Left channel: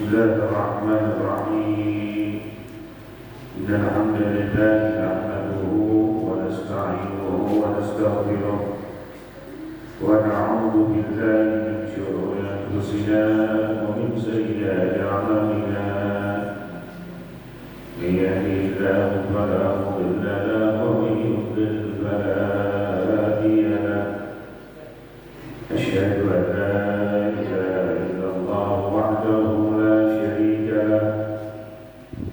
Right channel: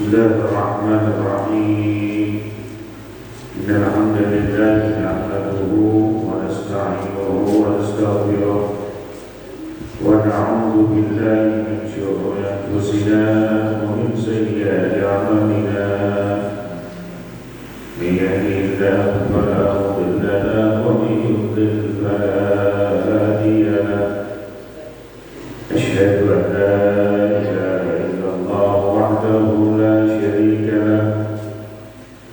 Bismillahirrahmanirrahim. Innal hamdalillah nahmaduhu wa nasta'inuhu wa nastaghfiruh wa na'udzu billahi min shururi anfusina wa min sayyiati a'malina. May yahdihillahu fala mudilla lahu wa may yudlil fala hadiya lahu. Asyhadu an la ilaha illallah wahdahu la syarika lah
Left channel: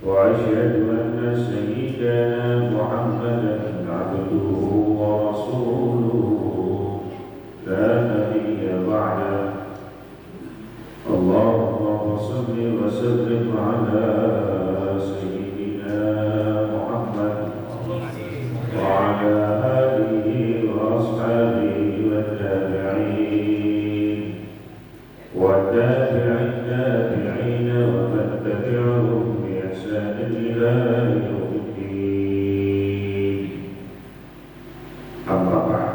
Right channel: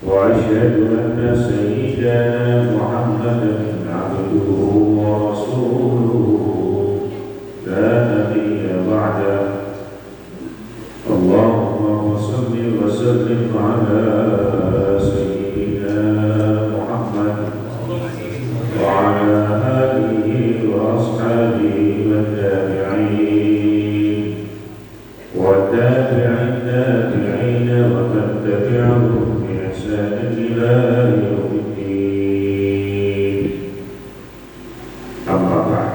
wa asyhadu anna sayyidana Muhammadan abduhu wa rasuluhu la nabiyya ba'dah. Allahumma shalli wa sallim ala sayyidina Muhammad wa ala alihi wa ashabihi wa tabi'in wa tabi'in tabi'in wa man tabi'ahum bi ihsan ila yaumiddin. Amma ba'd.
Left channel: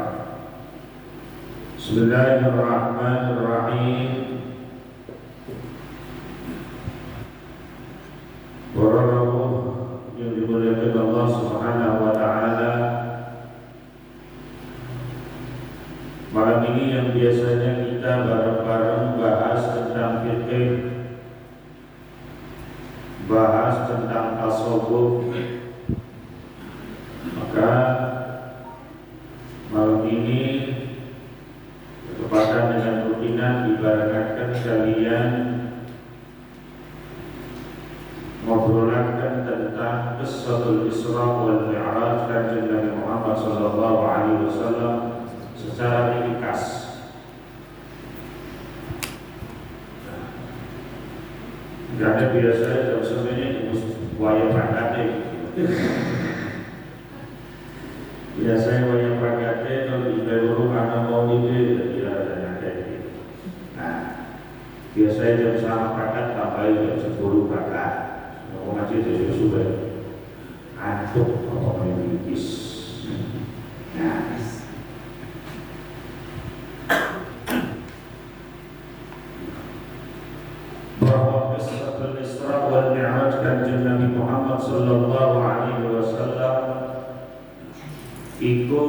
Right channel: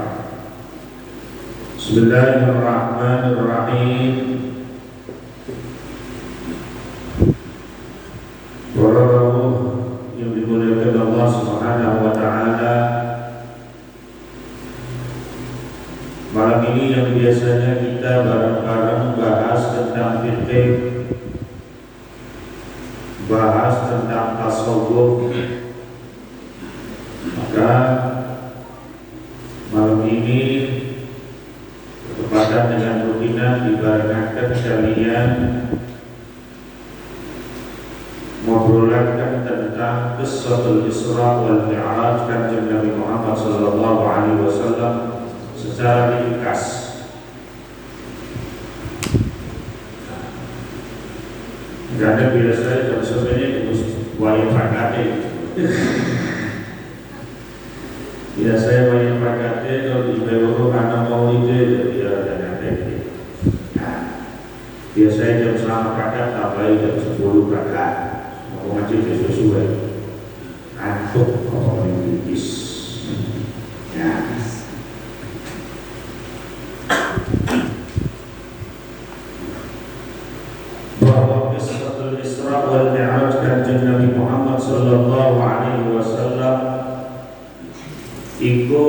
Bismillahirrahmanirrahim. Para yang dimuliakan Allah Subhanahu wa taala, malam ini yang biasanya kita bareng-bareng bahas tentang fikih, bahas tentang tasawuf, maka malam ini bertepatan dengan rutinan dibarengakan kalian ngobrolakan tentang Qissatul Isra wal Mi'raj Kanjeng Nabi Muhammad sallallahu alaihi wasallam secara ringkas. Karena biasanya jam sebenarnya wayang prakate. Biasanya wayang prakate kalau di Beberapa anak maulid tidak ada nanti. Nah, biasanya jam 9 kakak tambah jam 10 kakak. Mau ngaji sesuai. Antuk kalau mengikis. Nah. Bahwa Qissatul Isra wal Mi'raj Kanjeng Nabi Muhammad sallallahu alaihi wasallam iku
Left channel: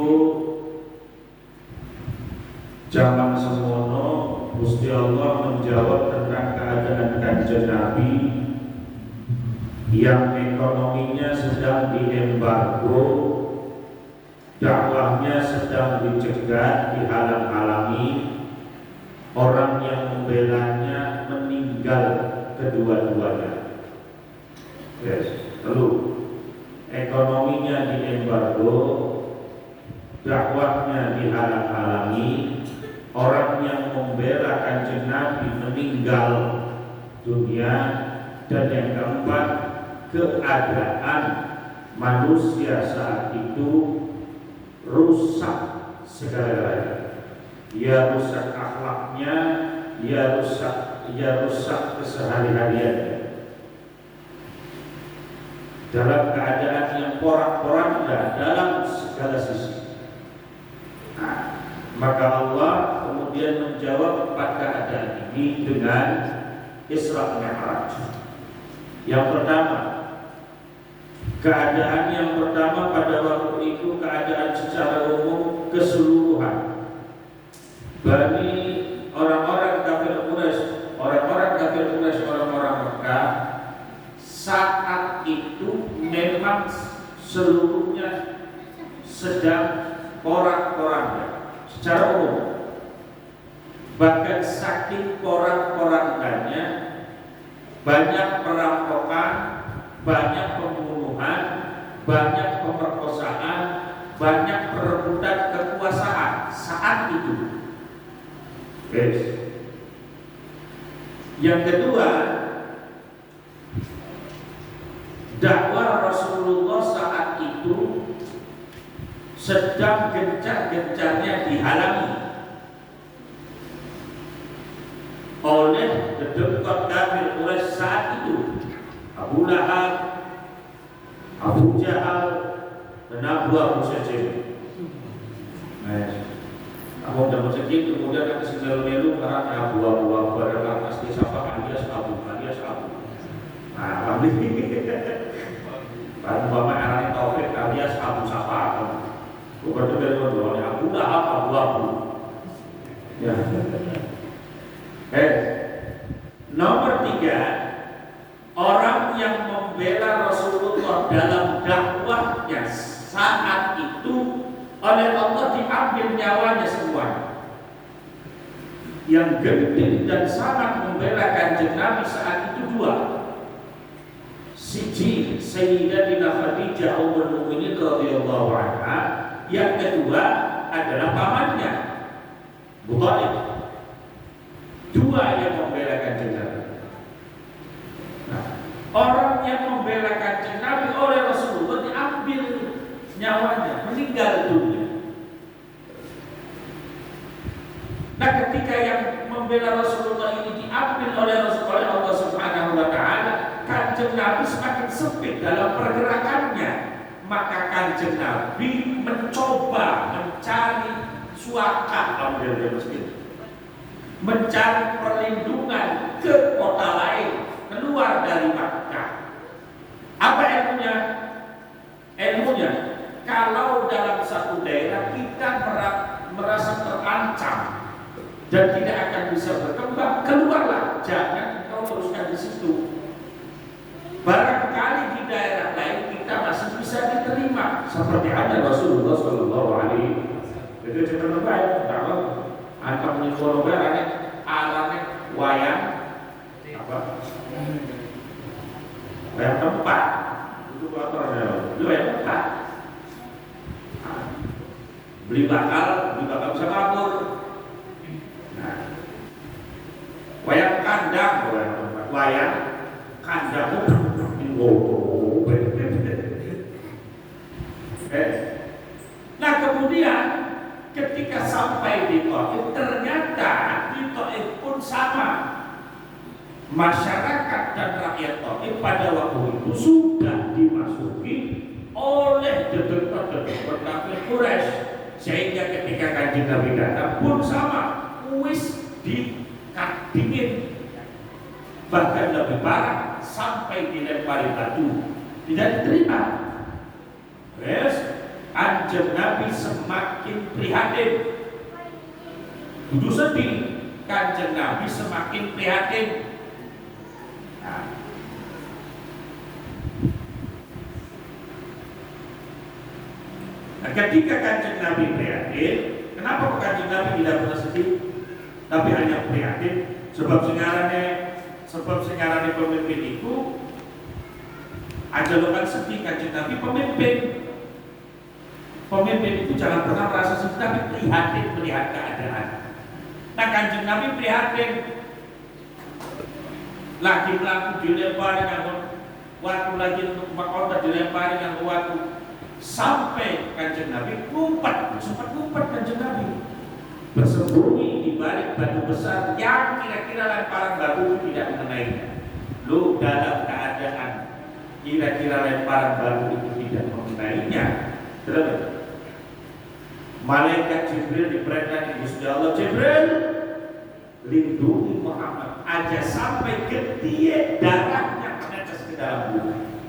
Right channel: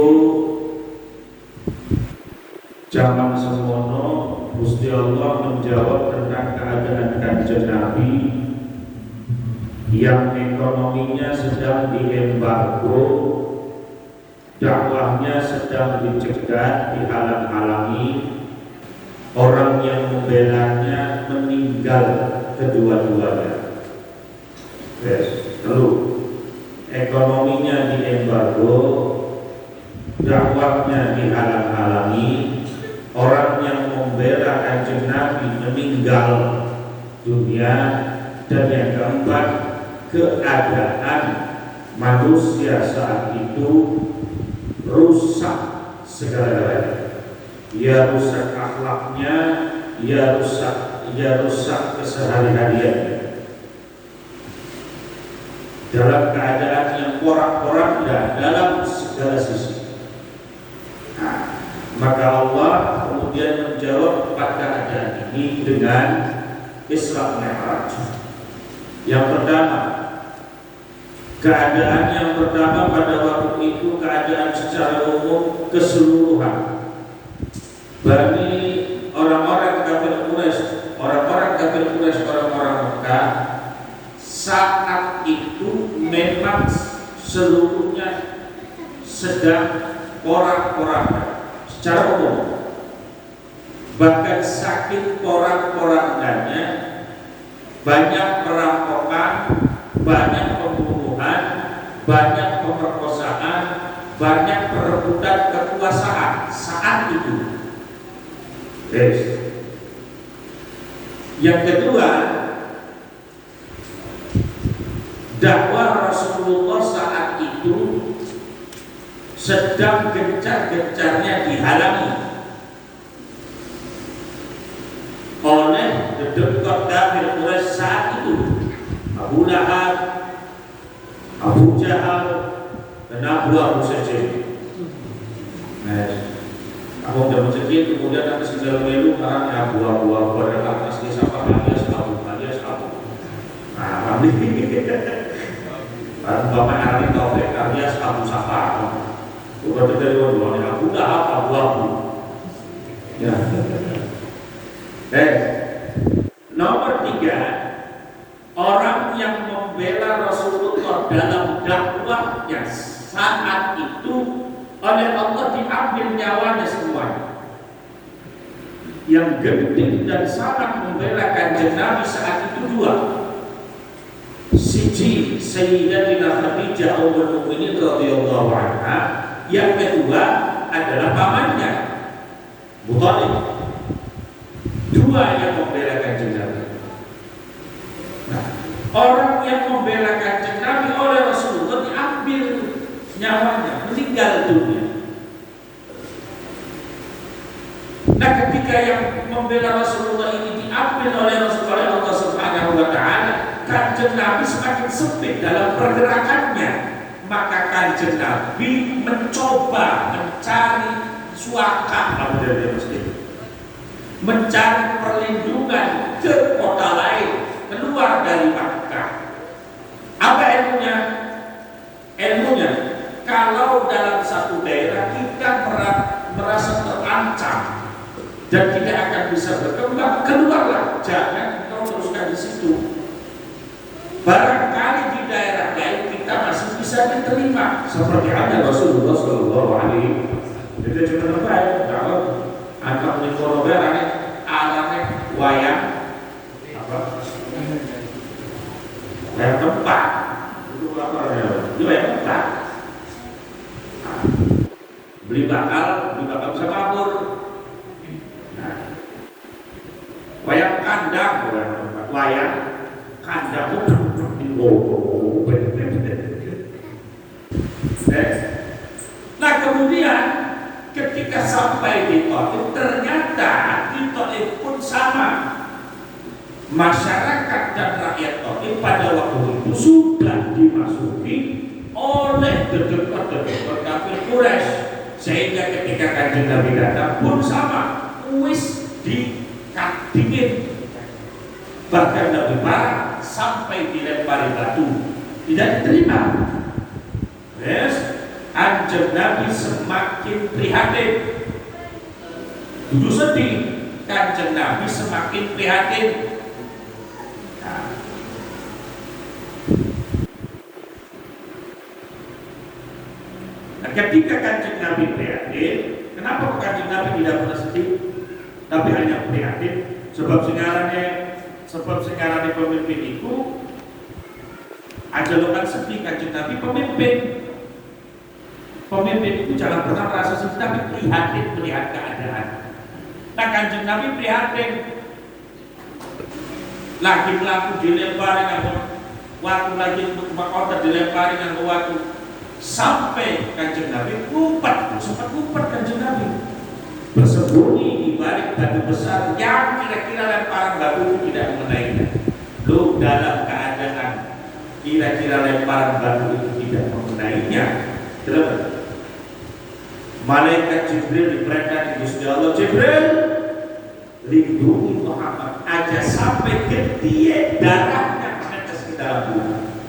zaman semono Gusti Allah menjawab tentang keadaan Kanjeng Nabi yang ekonominya sedang diembargo, dakwahnya sedang dicegat, dihalang-halangi, orang yang membelanya meninggal kedua-duanya. Yes. Lalu ekonominya diembargo, dakwahnya dihalang-halangi, orang yang membela Kanjeng Nabi meninggal dunia, dan yang keempat, keadaan manusia saat itu rusak segala-galanya. Ya rusak akhlaknya, ya rusak kesehari-hariannya. Dalam keadaan yang porak-poranda dalam segala sisi. Nah, maka Allah kemudian menjawab pada keadaan ini dengan Isra Mi'raj. Yang pertama, keadaan yang pertama pada waktu itu keadaan secara umum keseluruhan bagi orang-orang kafir Quraisy, orang-orang Mekah saat itu memang seluruhnya sedang porak-poranda secara umum. Bahkan saking porak-porandanya banyak perampokan, banyak pembunuhan, banyak pemerkosaan, banyak perebutan kekuasaan saat itu. Yes. Yang kedua, dakwah Rasulullah saat itu sedang gencar-gencarnya dihalangi oleh gedung kafir Quraisy saat itu, Abu Lahab, Abu Jahal, dan Abu Sufyan. Aku udah mencekik, kemudian nanti segala melu karena buah-buah pada atas desa alias Abu wabu. Ya. Nomor 3, orang yang membela Rasulullah dalam dakwahnya saat itu oleh Allah diambil nyawanya semua. Yang gede dan sangat membela Kanjeng Nabi saat itu 2. Siji Sayyidatina Khadijah ummul mukminin radhiyallahu anha, yang kedua adalah pamannya Abu Thalib. 2 yang membela Kanjeng Nabi. Nah, orang yang membela Kanjeng Nabi oleh Rasulullah diambil nyawanya, meninggal dunia. Nah, ketika yang membela Rasulullah ini diambil oleh Rasulullah Allah Subhanahu wa taala, Kanjeng Nabi semakin sempit dalam pergerakannya. Maka Kanjeng Nabi mencoba mencari suaka, mencari perlindungan ke kota lain, keluar dari Makkah. Apa ilmunya? Ilmunya, kalau dalam satu daerah kita merasa terancam dan tidak akan bisa berkembang, keluarlah, jangan kau teruskan di situ. Barangkali di daerah lain kita masih bisa diterima, seperti ada Rasulullah Shallallahu Alaihi Wasallam. Itu cuma baik kalau antar nyekonoga arane wayang apa? Wayang tempat. Itu apa namanya? Itu wayang tempat. Beli bakal bisa kabur. Nah, wayang kandang, wayang kandang itu nah, kemudian ketika sampai di Taif, ternyata di Taif pun sama. Masyarakat dan rakyat Taif pada waktu itu sudah dimasuki oleh dedekar kafir Quraisy, sehingga ketika Kanjeng Nabi datang pun sama, wis dingin, bahkan lebih parah, sampai dilempari batu, tidak diterima. Yes, Kanjeng Nabi semakin prihatin, dulu sedih, Kanjeng Nabi semakin prihatin. Nah, ketika Kanjeng Nabi prihatin, kenapa Kanjeng Nabi tidak pernah sedih, tapi hanya prihatin? Sebab sekarang pemimpin itu ajalokan sedih. Kanjeng Nabi pemimpin itu jangan pernah merasa sedih, tapi prihatin melihat keadaan. Nah, Kanjeng Nabi prihatin, lagi melaku dilempari dengan waktu, lagi makota dilempari dengan waktu, sampai Kanjeng Nabi sempat ngumpet Kanjeng Nabi, bersembunyi di balik batu besar yang kira-kira lemparan batu itu tidak mengenainya. Lu dalam keadaan kira-kira lemparan batu itu tidak mengenainya, terus malaikat Jibril diperintah di Gusti Allah, Jibril lindungi Muhammad aja sampai getih darahnya menetes ke dalam bumi,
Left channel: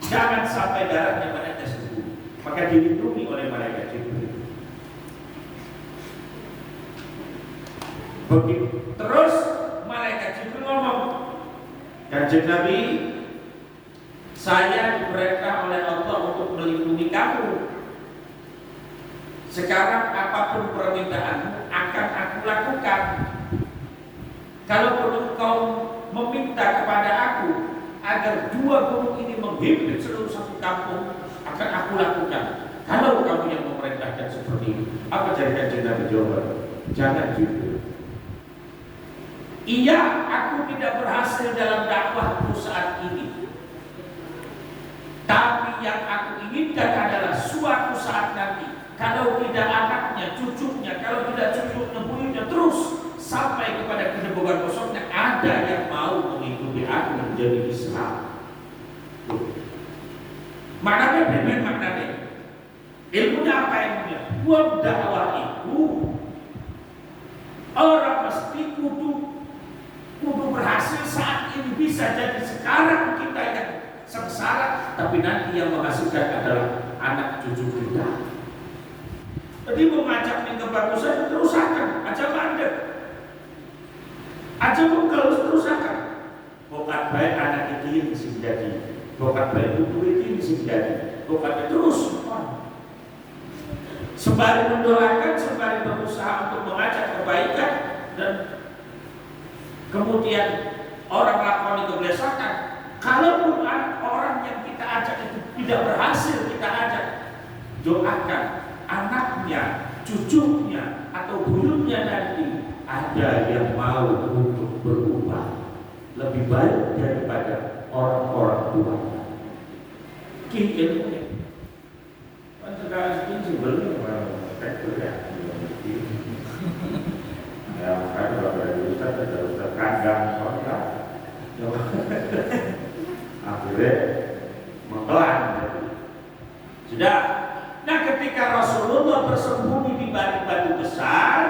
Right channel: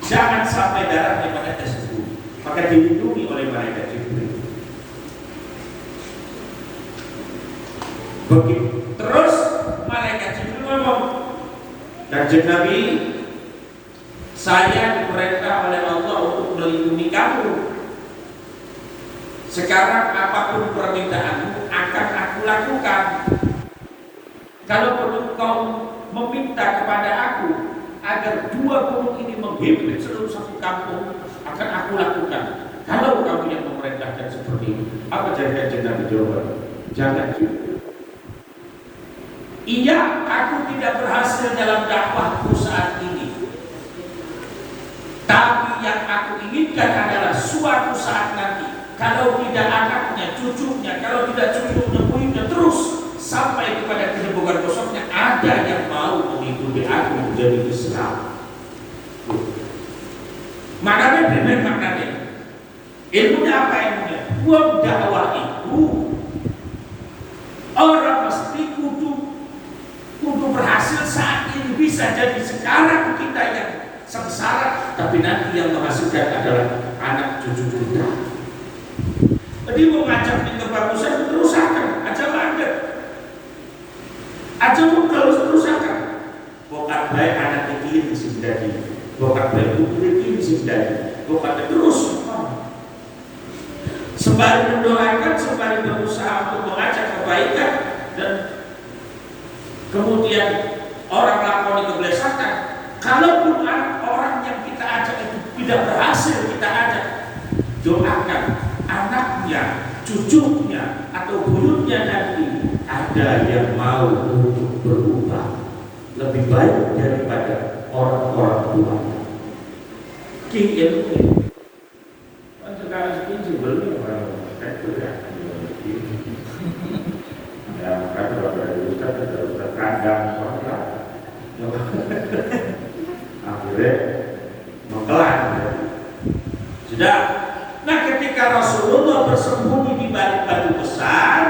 jangan sampai darahnya menetes ke bumi. Maka dilindungi oleh malaikat Jibril. Begitu terus malaikat Jibril ngomong, Kanjeng Nabi, saya diperintah oleh Allah untuk melindungi kamu. Sekarang apapun permintaanmu akan aku lakukan. Kalau perlu kau meminta kepada aku agar 2 gunung ini menghimpit seluruh satu kampung, akan aku lakukan. Kalau kamu yang memerintahkan seperti ini, apa jadi Kanjeng Nabi jawab? Jangan gitu. Iya, aku tidak berhasil dalam dakwahku saat ini, tapi yang aku inginkan adalah suatu saat nanti, kalau tidak anaknya, cucunya, kalau tidak cucunya, punya terus sampai kepada kedebukan kosongnya, ada yang mau mengikuti aku menjadi Islam. Maknanya benar, maknanya ilmunya apa? Ilmunya buat dakwah itu orang mesti kudu berhasil saat ini. Bisa jadi sekarang kita yang sengsara, tapi nanti yang menghasilkan adalah anak cucu kita. Jadi mengajak di kebagusan kerusakan, aja mandek, aja harus kerusakan. Bukan baik anak ini sih jadi, bukan baik itu sih jadi, bukan terus. Sembari mendoakan, sembari berusaha untuk mengajak kebaikan dan kemudian orang lakoni kebelesakan. Kalaupun orang yang kita ajak itu tidak berhasil kita ajak, doakan anaknya, cucunya atau buyutnya nanti ada yang mau untuk berubah lebih baik daripada orang-orang tua. Ki ilmu kan sekarang ini sebelumnya orang ya kan kalau dari Ustaz ada Ustaz kandang akhirnya mengkelan. Sudah. Nah, ketika Rasulullah bersembunyi di balik batu besar,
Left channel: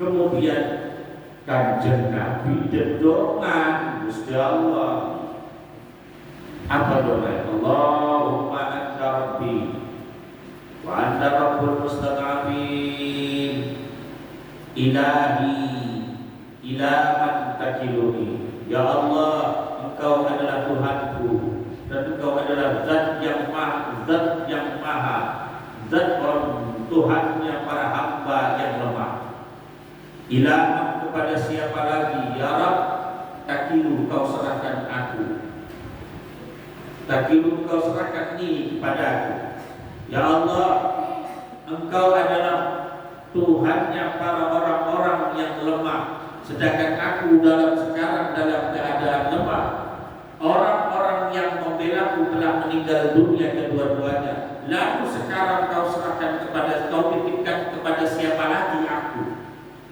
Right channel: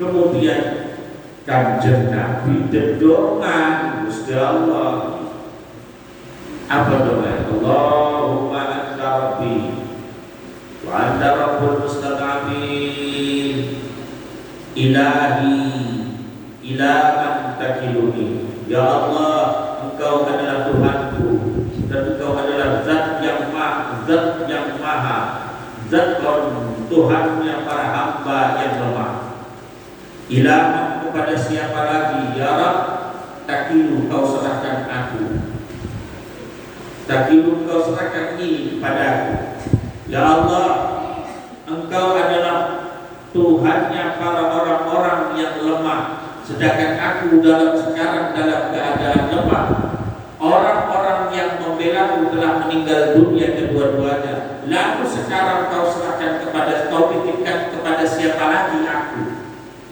kemudian Kanjeng Nabi dedongan Gusti Allah. Apa doa? Allahumma anta rabbi wa anta rabbul mustaqamin ilahi ila man takiluni. Ya Allah, Engkau adalah Tuhanku dan Engkau adalah zat yang maha, zat Tuhannya para hamba yang lemah. Ilah kepada siapa lagi ya Rabb takilu kau serahkan aku, takilu kau serahkan ini kepadaku. Ya Allah, Engkau adalah Tuhannya para orang-orang yang lemah, sedangkan aku sekarang dalam keadaan lemah. Orang-orang yang membelaku telah meninggal dunia kedua-duanya. Lalu sekarang kau serahkan kau titipkan kepada siapa lagi aku?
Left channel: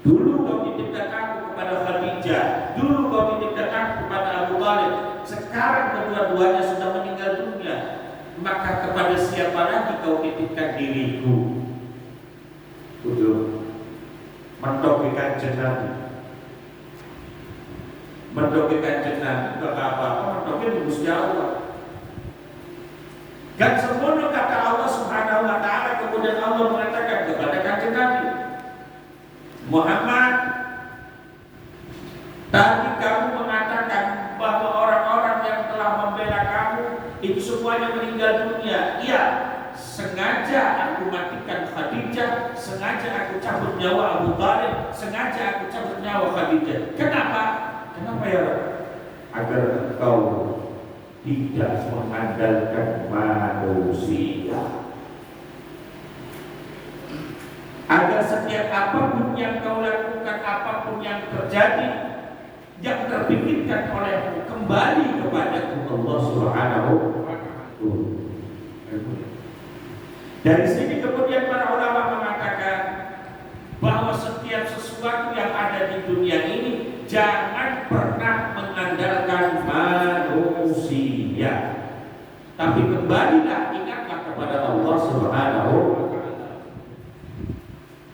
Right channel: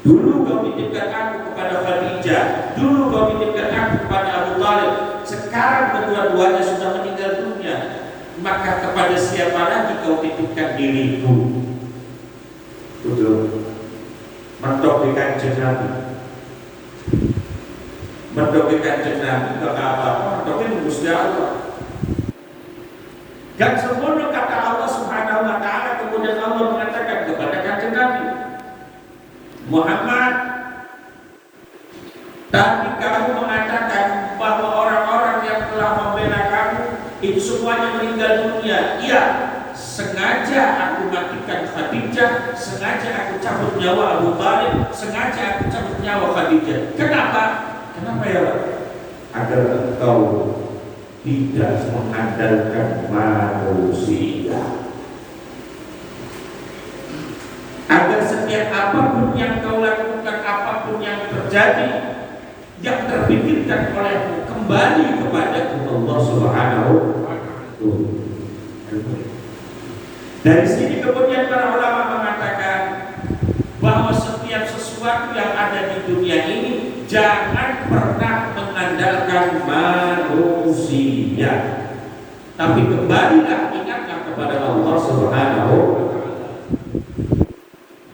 Dulu kau titipkan aku kepada Khadijah, dulu kau titipkan aku kepada Abu Thalib. Sekarang kedua-duanya sudah meninggal dunia. Maka kepada siapa lagi kau titipkan diriku? Betul. Mentok di Kanjeng Nabi. Mendoakan jenazah ke apa? Mendoakan Gusti Allah. Dan semuanya kata Allah Subhanahu wa taala, kemudian Allah mengatakan kepada Kanjeng Nabi Muhammad, tadi kamu mengatakan bahwa orang-orang yang telah membela kamu itu semuanya meninggal dunia. Iya, sengaja aku matikan Khadijah, sengaja aku cabut nyawa Abu Thalib, sengaja aku cabut nyawa Khadijah. Kenapa? Kenapa ya Pak? Agar engkau tidak mengandalkan manusia, agar setiap apapun yang kau lakukan, apapun yang terjadi, yang terpikirkan olehmu kembali kepada Allah Subhanahu wa Ta'ala. Dari sini kemudian para ulama mengatakan bahwa setiap sesuatu yang ada di dunia ini jangan pernah mengandalkan manusia, tapi kembalilah, ingatlah kepada Allah Subhanahu wa Ta'ala.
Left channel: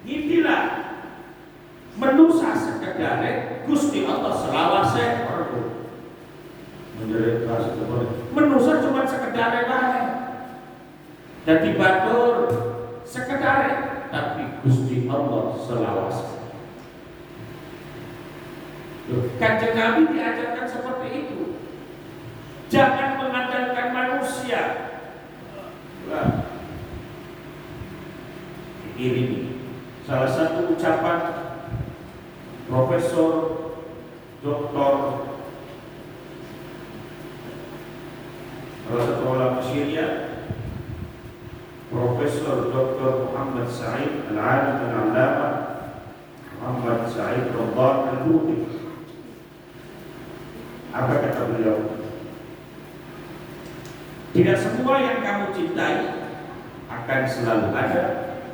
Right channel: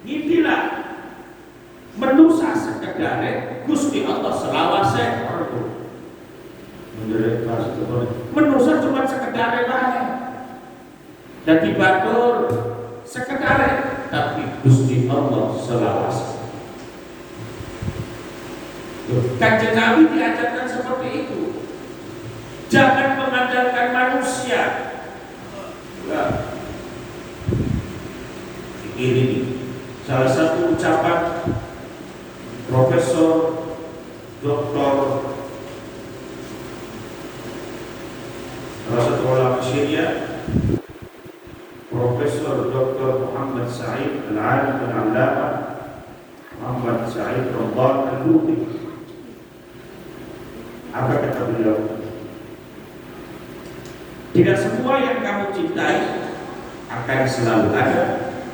Ngimpilah menusa sekedare Gusti Allah selawase menusa cuma sekedare wae dadi batur sekedare, tapi Gusti Allah selawase. Kanjeng Nabi diajarkan seperti itu. Jangan mengandalkan manusia. Nah, ini salah satu ucapan Profesor Dr. salah satu ulama Syria, Profesor Dr. Muhammad Sa'id Al-Alim Al-Allamah Muhammad Sa'id Ramadan Al-Buti. Apa kata beliau? Tidak semua yang kamu cintai akan selalu ada.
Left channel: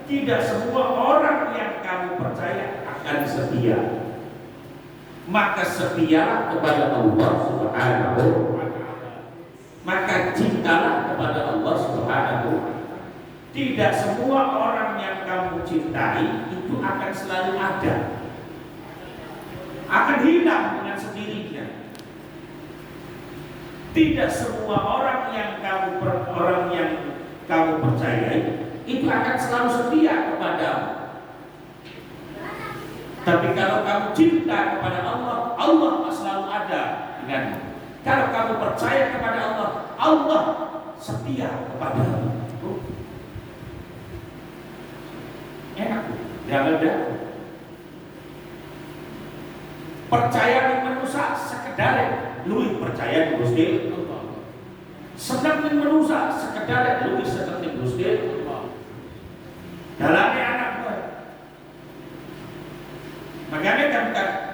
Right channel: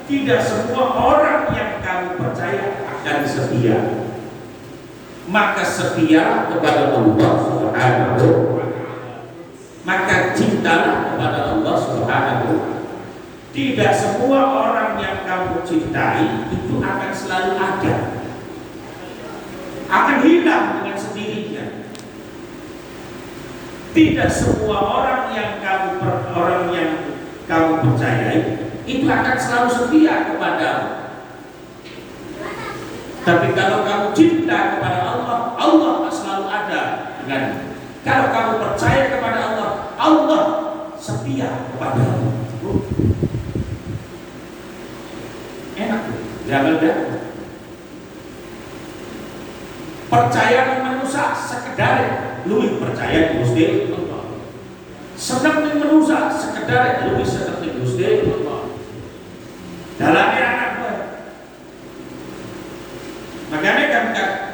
Tidak semua orang yang kamu percaya akan setia. Maka setia kepada Allah Subhanahu wa Ta'ala. Maka cintalah kepada Allah Subhanahu wa Ta'ala. Tidak semua orang yang kamu cintai itu akan selalu ada. Akan hilang dengan sendirinya. Tidak semua orang yang kamu percayai itu akan selalu setia kepadamu. Tapi kalau kamu cinta kepada Allah, Allah akan selalu ada denganmu. Kalau kamu percaya kepada Allah, Allah setia kepadamu. Enak, ya. Percaya dengan manusia sekedar luwih percaya di Gusti Allah. Seneng ning manusia sekedar luwih seneng di Gusti Allah. Dalane anak kowe. Makanya kan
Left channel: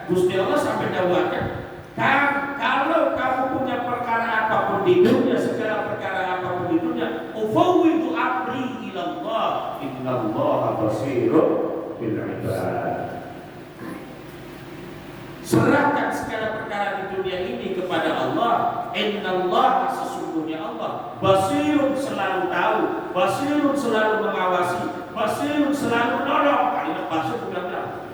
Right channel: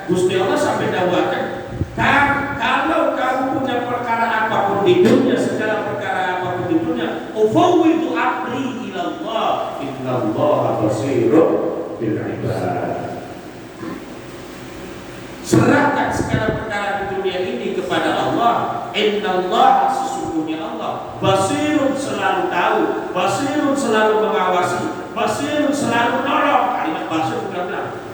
Gusti Allah sampai dawuhaken, kalau kamu punya perkara apapun di dunia, segala perkara apapun di dunia, ufawwidu amri ila Allah, innallaha basirun bil ibad. Serahkan segala perkara di dunia ini kepada Allah. Innallaha, sesungguhnya Allah, basirun selalu tahu, basirun selalu mengawasi, basirun selalu menolong. Kalimat basir benar-benar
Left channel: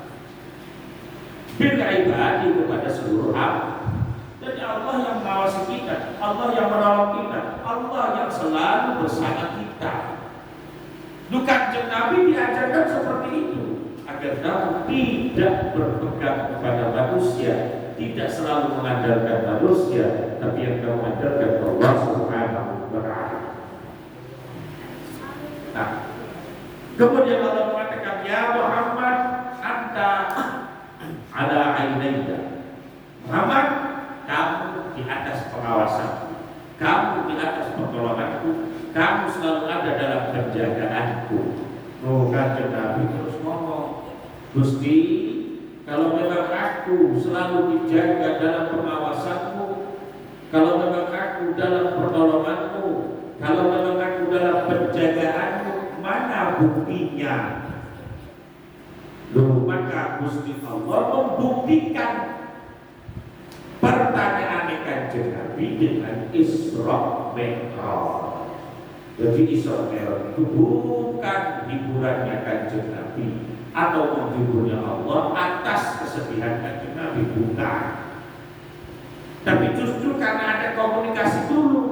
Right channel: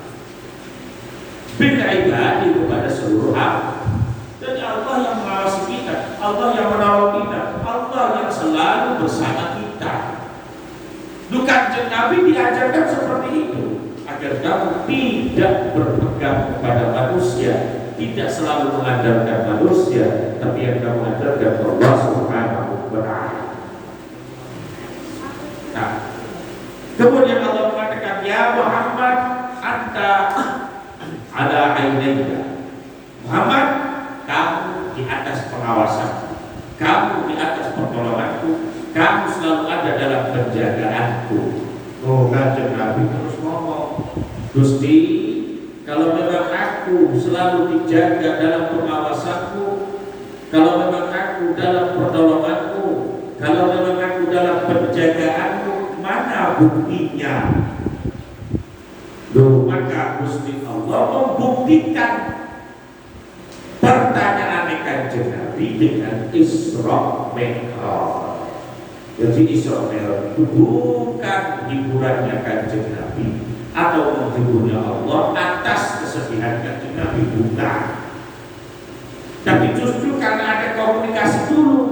bil ibadi kepada seluruh hamba. Jadi Allah yang mengawasi kita, Allah yang menolong kita, Allah yang selalu bersama kita. Kanjeng Nabi diajarkan seperti itu, agar kamu tidak berpegang kepada manusia, tidak selalu mengandalkan manusia, tapi yang kamu andalkan Allah Subhanahu wa ta'ala. Nah, kemudian Allah mengatakan, ya Muhammad, anta ala ainayya. Muhammad, kamu di atas pengawasan, kamu di atas pertolonganku, kamu selalu ada dalam penjagaanku. Kanjeng Nabi terus ngomong, Gusti, kalau memang aku selalu dijaga dalam pengawasanku, kalau memang aku dalam pertolonganku, kalau memang aku dalam penjagaanku, mana buktinya? Maka Gusti Allah membuktikan pertanyaan Kanjeng Nabi dengan Isra Mi'raj. Jadi Isra Mi'raj itu bukan hiburannya Kanjeng Nabi atau menghiburnya Allah atas kesedihan Kanjeng Nabi, bukan. Tapi justru karena ada komunikasi dulu.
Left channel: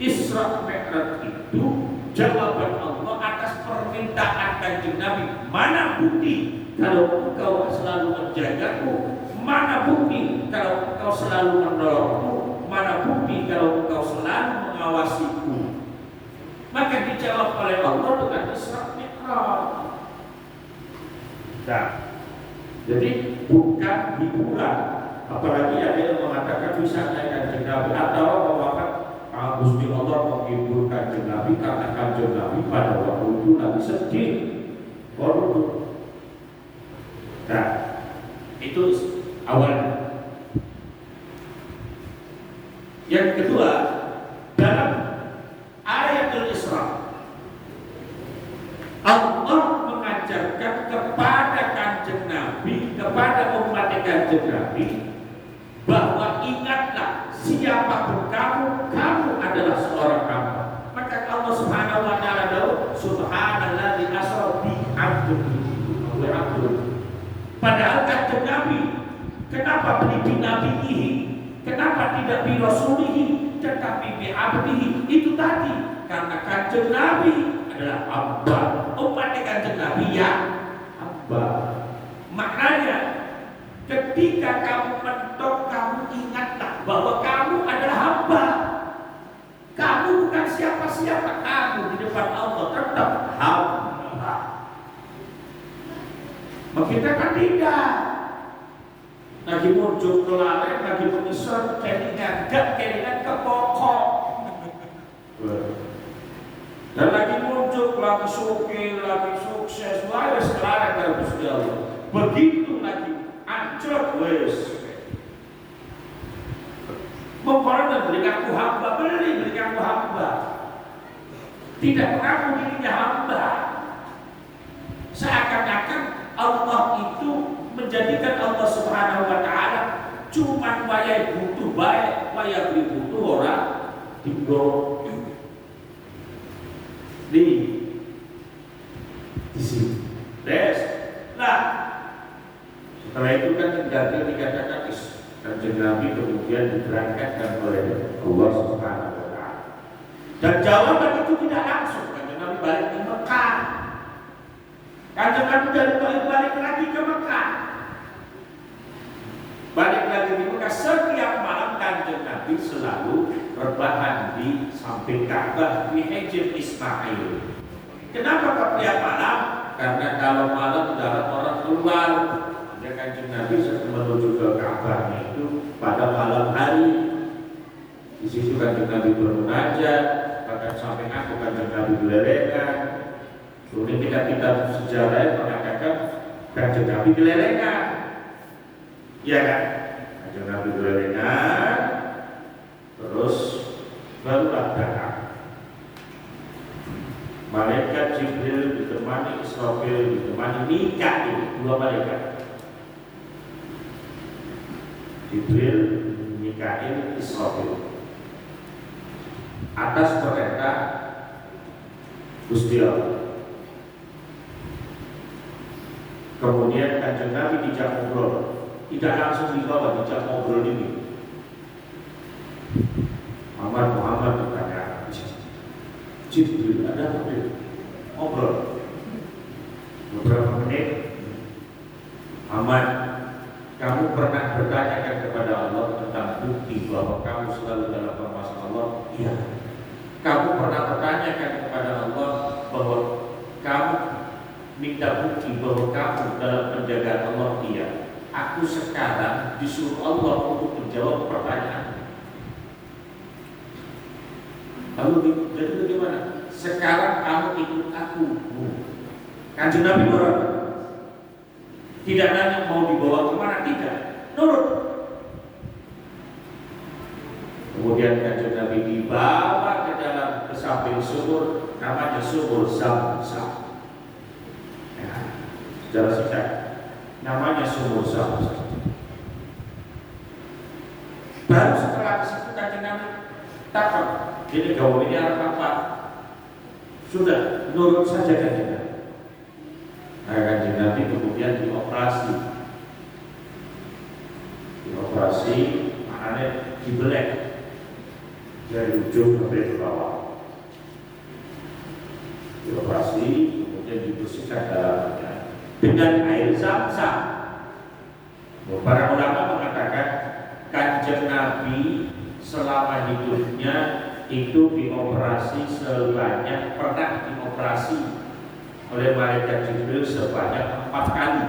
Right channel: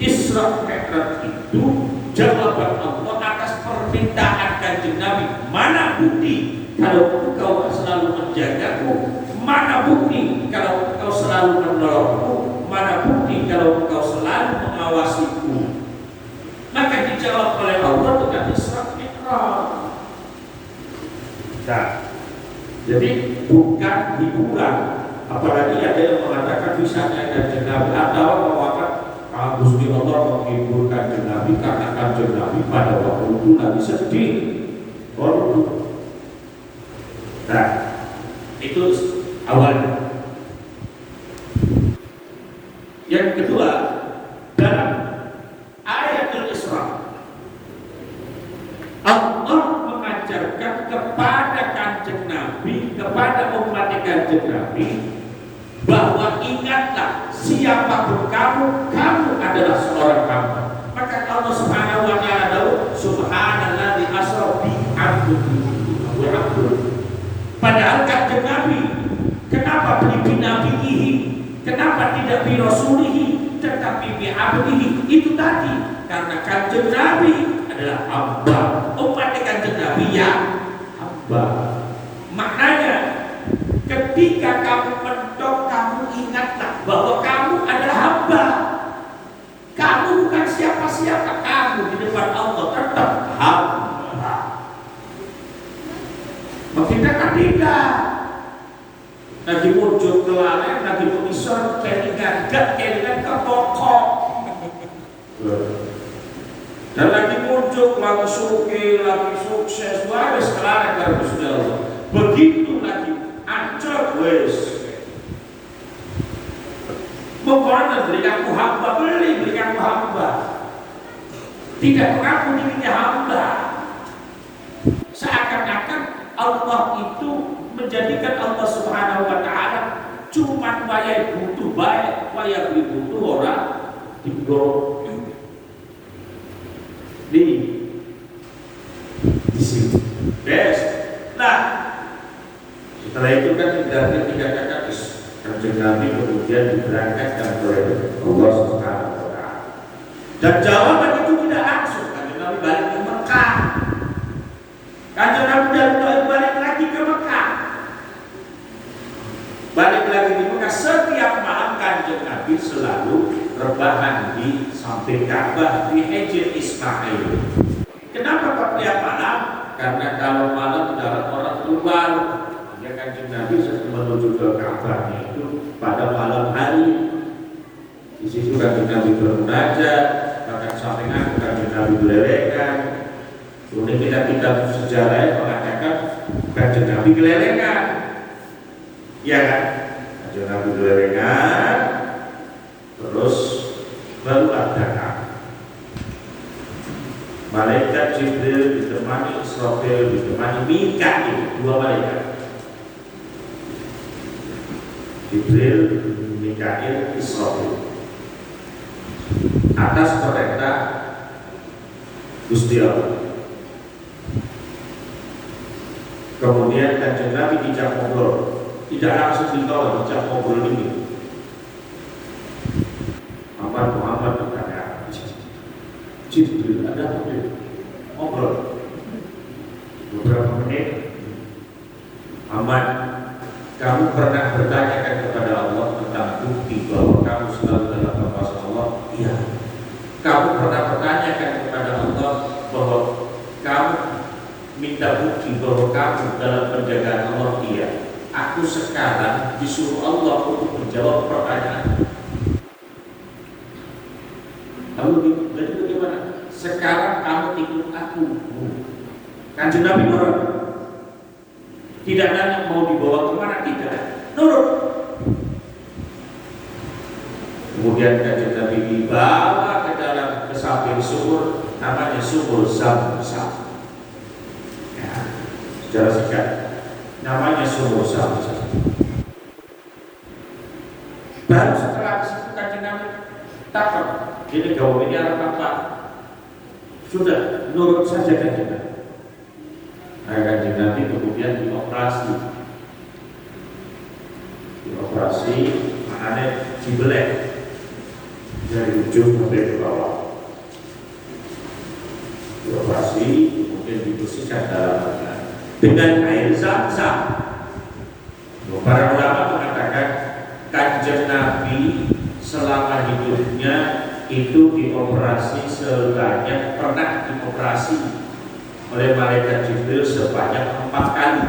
Isra Mi'raj itu jawaban Allah atas permintaan Kanjeng Nabi. Mana bukti kalau engkau selalu menjagaku? Mana bukti kalau engkau selalu menolongku? Mana bukti kalau engkau selalu mengawasiku? Maka dijawab oleh Allah dengan Isra Mi'raj. Nah, jadi bukan hiburan. Apalagi ada yang mengatakan misalnya Kanjeng Nabi atau mengatakan Gusti Allah menghibur Kanjeng Nabi karena Kanjeng Nabi pada waktu itu lagi sedih. Nah, itu awalnya. Yang kedua, dalam ayat Al-Isra, Allah mengajarkan kepada Kanjeng Nabi, kepada umat Kanjeng Nabi, bahwa ingatlah siapapun kamu, kamu adalah seorang hamba. Maka Allah Subhanahu wa ta'ala dawuh, subhanalladzi asra bi 'abdihi. Padahal Kanjeng Nabi, kenapa bi nabihi? Kenapa tidak bi rasulihi, tetapi bi 'abdihi? Itu tadi karena Kanjeng Nabi adalah hamba. Umat Kanjeng Nabi yang hamba. Maknanya ketika kamu mentok, kamu ingatlah bahwa kamu adalah hamba. Kamu bukan siapa-siapa, kamu di depan Allah tetap hamba. Kita kan tidak lagi muncul kelalen, lagi mengisor, kelingan ke pokok, dan lagi muncul, lagi suki, lagi sukses, wes kelalen kalau sudah Allah. Begitu lagi ancur, wes memperoleh berikan ku hamba, berikan ku hamba. Tidak mengaku dirinya hamba. Seakan-akan Allah itu menjadikan Allah Subhanahu wa ta'ala cuma waya butuh baik, waya butuh orang dibuat di sini. Best. Nah, setelah itu kan dari tiga kakak Kanjeng Nabi kemudian diberangkatkan oleh Allah Subhanahu wa ta'ala. Dan jawaban itu tidak langsung. Kanjeng Nabi balik ke Mekah. Kanjeng Nabi dari Taif balik lagi ke Mekah. Balik lagi di Mekah. Setiap malam Kanjeng Nabi selalu rebahan di samping Ka'bah di Hijr Ismail. Kenapa kok tiap malam? Karena kalau malam tidak ada orang keluar, maka Kanjeng Nabi menuju ke Ka'bahnya itu pada malam hari. Di situ Kanjeng Nabi bermunajat, bahkan sampingan Kanjeng Nabi gelelengan. Kemudian kita sejarah mengatakan Kanjeng Nabi gelelengan, ya kan? Kanjeng Nabi gelelengan, terus barulah datang malaikat Jibril ditemani Israfil, ditemani Mikail, dua malaikat. Jibril, Mikail, Israfil. Atas perintah Gusti Allah. Kemudian Kanjeng Nabi dijak ngobrol, tidak langsung dibawa, dijak ngobrol ini. Muhammad berkata, Jibril ada ngobrol beberapa menit. Muhammad, kamu pernah bertanyakan kepada Allah tentang bukti bahwa kamu selalu dalam pengawasan Allah? Iya. Kamu pernah bertanyakan kepada Allah bahwa kamu minta bukti bahwa kamu dalam penjagaan Allah? Iya. Aku sekarang disuruh Allah untuk menjawab pertanyaan. Lalu jadi bagaimana? Sekarang kamu ikut aku. Kanjeng Nabi orang tidak nanya mau dibawa kemana, tidak, nurut. Kemudian Kanjeng Nabi dibawa ke samping sumur, namanya sumur Zam-Zam. Ya, secara singkat, namanya sumur Zam-Zam. Baru setelah itu Kanjeng Nabi takut. Jadi kau ini anak apa? Sudah nurut saja Kanjeng Nabi. Kanjeng Nabi kemudian dioperasi, maknanya dibelek dari ujung sampai ke bawah. Dioperasi kemudian dibersihkan dalamnya dengan air Zam-Zam. Para ulama mengatakan Kanjeng Nabi selama hidupnya itu dioperasi sebanyak, pernah dioperasi oleh malaikat Jibril sebanyak 4 kali.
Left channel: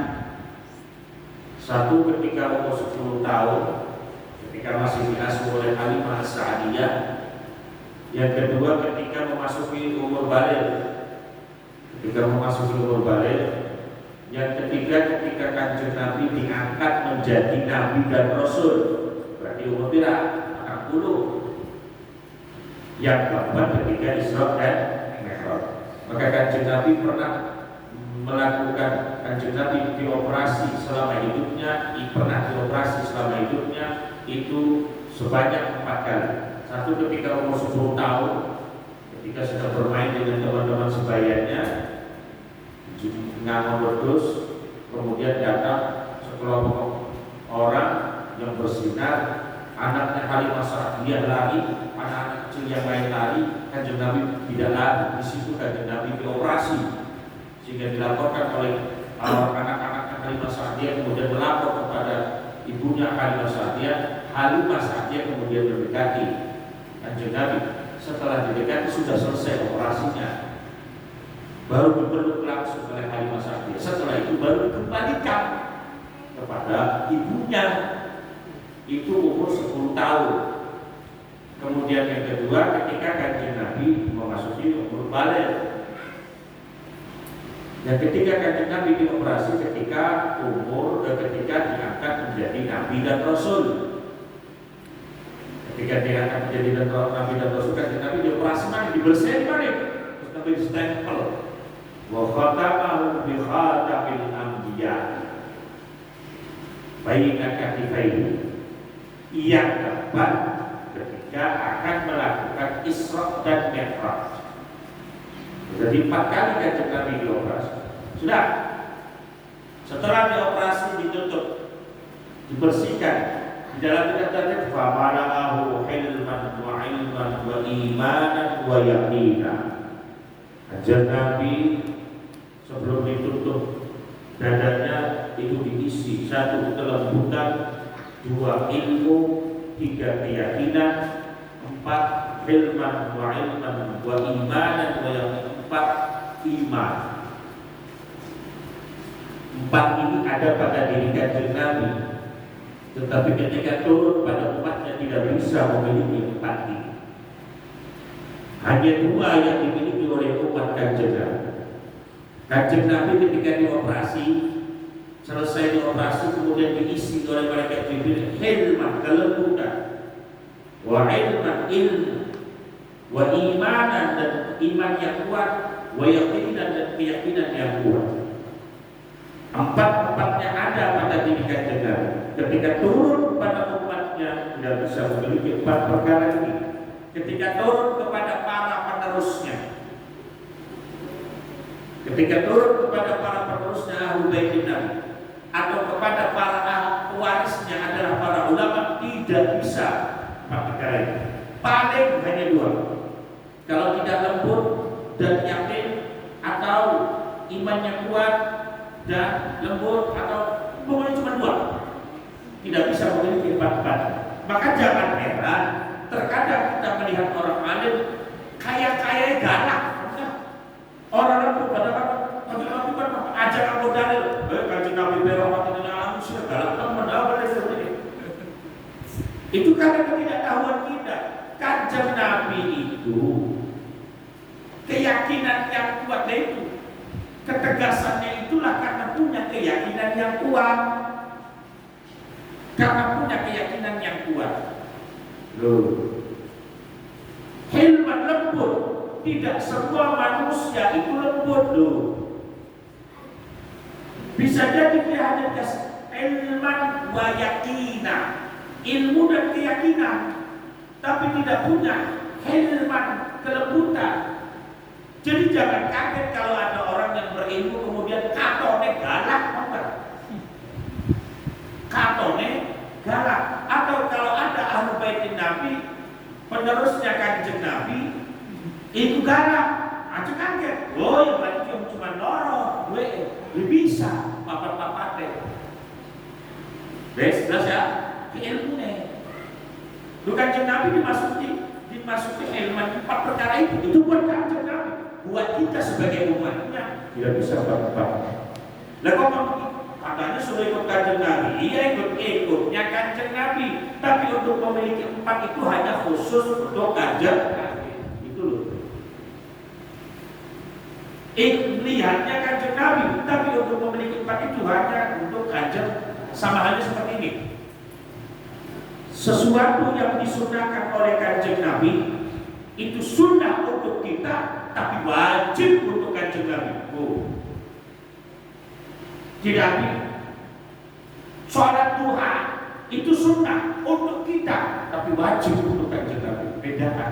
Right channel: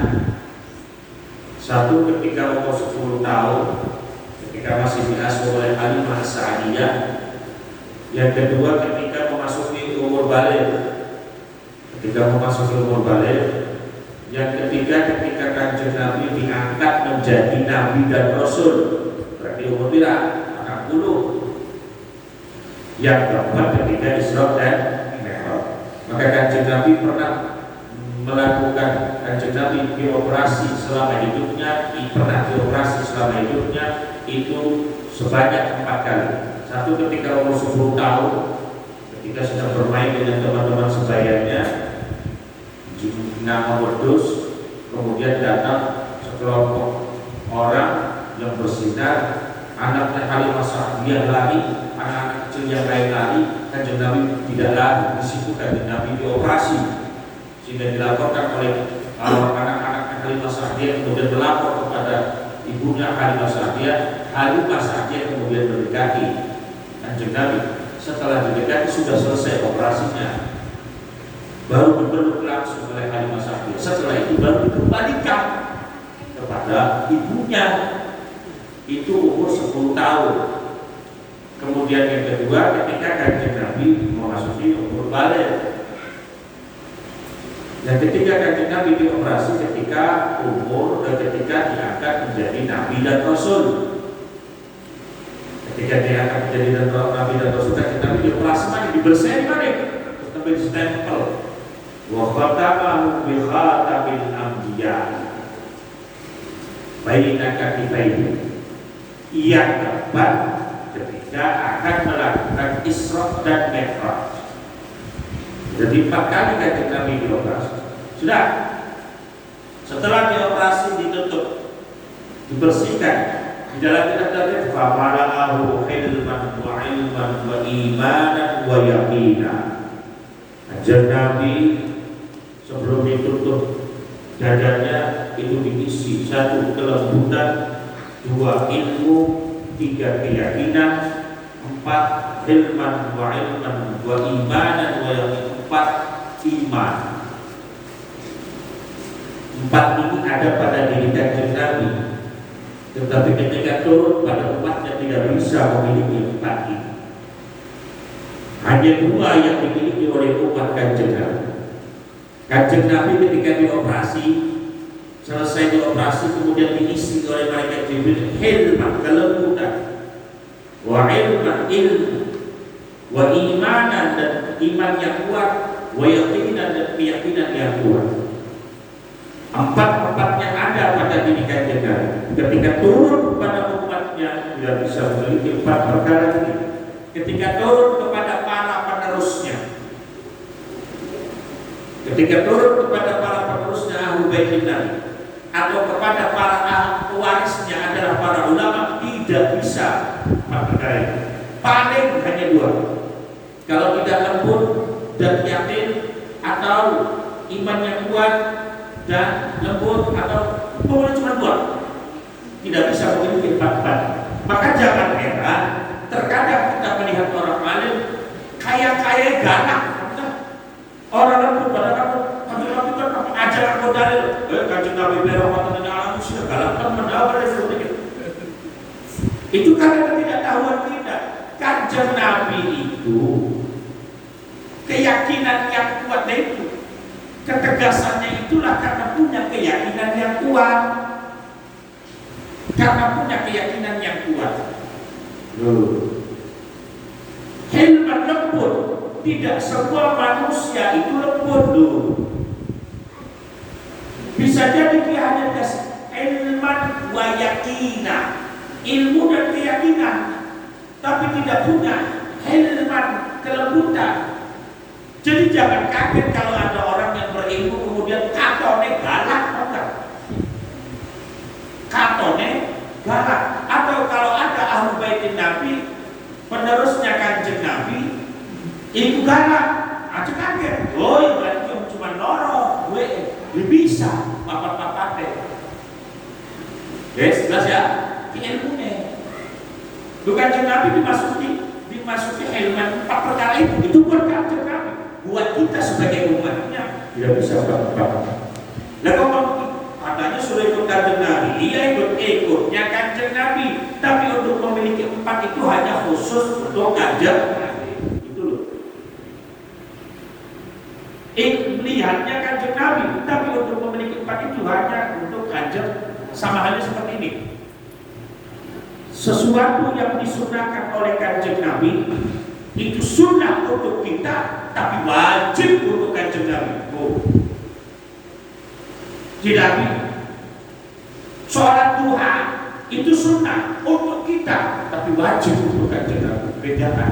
Satu ketika umur 10 tahun, ketika masih diasuh oleh Halimah As-Sa'diyah. Yang kedua ketika memasuki umur baligh, Yang ketiga ketika Kanjeng Nabi diangkat menjadi Nabi dan Rasul, berarti umur berapa? 60. Yang keempat ketika Isra dan Mi'raj. Maka Kanjeng Nabi pernah melakukan, Kanjeng Nabi dioperasi selama hidupnya, itu sebanyak 4 kali. Satu ketika umur 10 tahun, ketika sedang bermain dengan teman-teman sebayanya, nama berdus, kemudian datang sekelompok orang yang bersinar, anaknya Halimah Sa'diyah lari, anak-anak kecil yang lain lari, Kanjeng Nabi tidak lari. Di situ Kanjeng Nabi dioperasi, sehingga dilaporkan oleh anak-anak Halimah Sa'diyah, kemudian melapor kepada ibunya Halimah Sa'diyah. Halimah Sa'diyah kemudian mendekati Kanjeng Nabi. Setelah didekati sudah selesai operasinya, baru berpeluk langsung oleh Halimah Sa'diyah. Setelah itu baru dikembalikan kepada ibunya. Itu umur 10 tahun. Kemudian yang kedua ketika Kanjeng Nabi memasuki umur baligh. Dan ketika Kanjeng Nabi dioperasi ketika diangkat menjadi Nabi dan Rasul. Ketika diangkat menjadi Nabi dan Rasul, Kanjeng Nabi dioperasi mana? Dibersihin mana? Terus sampai ditempel. Wa khatamahu bi khatamil anbiya. Baina katifaihi. Yang keempat ketika akan melakukan Isra dan Mi'raj. Jadi 4 kali Kanjeng Nabi dioperasi. Sudah. Setelah dioperasi ditutup, dibersihkan Di dalam kitab tadi famara'ahu ilman wa ilman wa imanan wa yaqina. Ajar Nabi sebelum ditutup dadanya itu diisi 1 kelembutan, 2 ilmu, 3 keyakinan, 4 ilman wa ilman wa imanan wa yaqina, 4 iman. 4 ini ada pada diri Kanjeng Nabi, tetapi ketika turun pada umatnya tidak bisa memiliki 4 ini. Hanya 2 yang dimiliki oleh umat Kanjeng Nabi. Kanjeng Nabi ketika dioperasi, selesai dioperasi kemudian diisi oleh malaikat Jibril hilman, kelembutan, wa ilman, ilmu, wa imanan, dan iman yang kuat, wa yaqinan, dan keyakinan yang kuat. 4-4-nya ada pada diri Kanjeng Nabi. Ketika turun kepada umatnya tidak bisa memiliki 4 perkara ini. Ketika turun kepada para penerusnya, ketika turun kepada para penerusnya Ahlul Bait Nabi, atau kepada para pewarisnya adalah para ulama, tidak bisa 4 perkara ini. Paling hanya 2. Kalau tidak lembut dan yakin, atau imannya kuat dan lembut, atau pokoknya cuma 2, tidak bisa memiliki 4. Maka jangan heran terkadang kita melihat orang alim kaya-kaya galak. Orang lembut pada kamu Nabi kan ajaran modalil, Kanjeng Nabi berwatan ini manusia galak kan mendawar itu karena ketidaktahuan kita. Kanjeng Nabi itu keyakinan yang kuat, itu ketegasannya itulah karena punya keyakinan yang kuat. Karena punya keyakinan yang kuat. Hilman, lembut. Tidak semua manusia itu lembut loh. Bisa jadi dia hanya kasih ilman wa yakina, ilmu dan keyakinan, tapi tidak punya hilman, kelembutan. Jadi jangan kaget kalau ada orang yang berilmu kemudian katone galak, katone galak. Atau kalau ada Ahlul Bait Nabi, penerusnya Kanjeng Nabi, ibu galak, aja kaget. Oh, yang berarti cuma loro, gue bisa papat-papat deh. Guys, jelas ya? Ilmunya. Bukan Kanjeng Nabi dimasuki ilmu 4 perkara itu buat Kanjeng Nabi. Buat kita sebagai umatnya tidak bisa papat-papat. Nah, kalau katanya sudah ikut Kanjeng Nabi, iya ikutnya Kanjeng Nabi. Tapi untuk memiliki 4 itu hanya khusus untuk Kanjeng Nabi. Itu loh. Lihatnya Kanjeng Nabi, tapi untuk memiliki 4 itu hanya untuk Kanjeng. Sama halnya seperti ini. Sesuatu yang disunahkan oleh Kanjeng Nabi itu sunnah untuk kita, tapi wajib untuk Kanjeng Nabi. Tidak. Sholat duha itu sunnah untuk kita, tapi wajib untuk Kanjeng Nabi. Bedakan.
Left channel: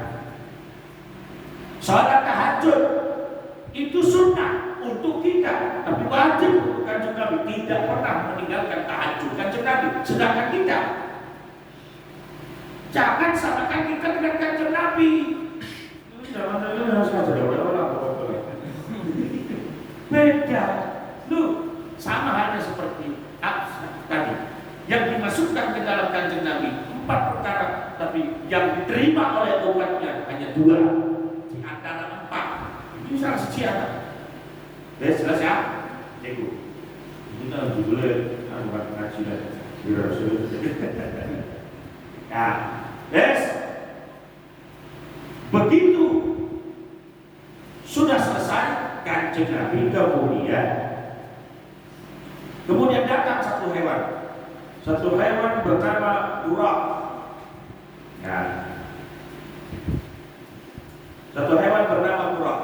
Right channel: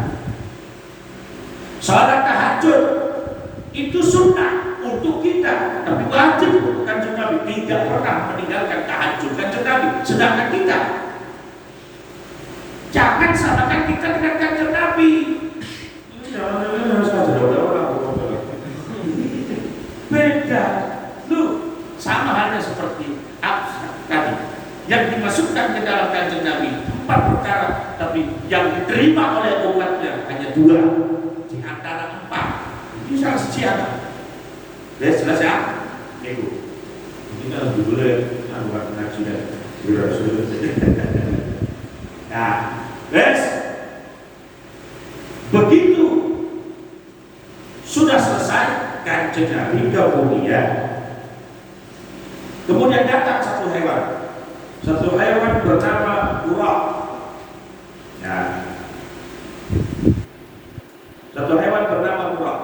Sholat tahajud itu sunnah untuk kita, tapi wajib untuk Kanjeng Nabi. Tidak pernah meninggalkan tahajud Kanjeng Nabi. Sedangkan kita, jangan samakan kita dengan Kanjeng Nabi. Beda. Lu sama halnya seperti tadi yang dimasukkan ke dalam Kanjeng Nabi 4 perkara, tapi yang diterima oleh umatnya hanya 2 di antara 4. Ini salah sejarah. Jelas ya? Ibu. Ini kan boleh buat ngaji dan nah, guys, begitu sudah selesai Kanjeng Nabi kemudian datang satu hewan bernama Burak. Ya. Satu hewan bernama Burak.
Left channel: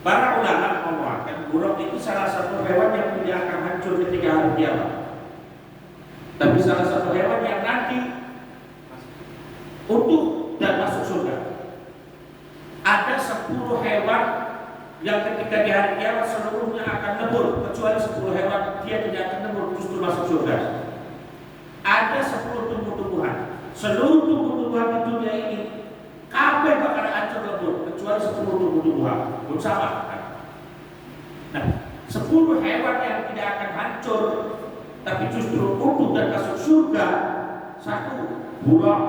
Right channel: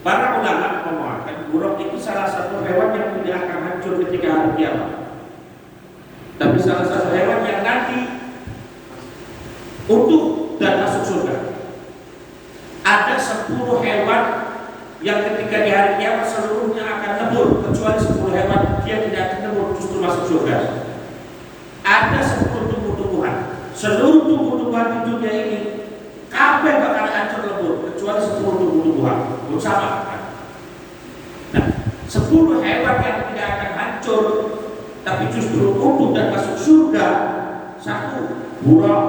Para ulama mengatakan Burak itu salah satu hewan yang tidak akan hancur ketika hari kiamat. Tapi salah satu hewan yang nanti utuh dan masuk surga. Ada 10 hewan yang ketika di hari kiamat seluruhnya akan lebur, kecuali 10 hewan dia tidak akan lebur, justru masuk surga. ada 10 tumbuh-tumbuhan. Seluruh tumbuh-tumbuhan di dunia ini kabeh bakal hancur lebur kecuali 10 tumbuh-tumbuhan. Bersama. Nah, 10 hewan yang tidak akan hancur tapi justru utuh dan masuk surga. Satu, burung.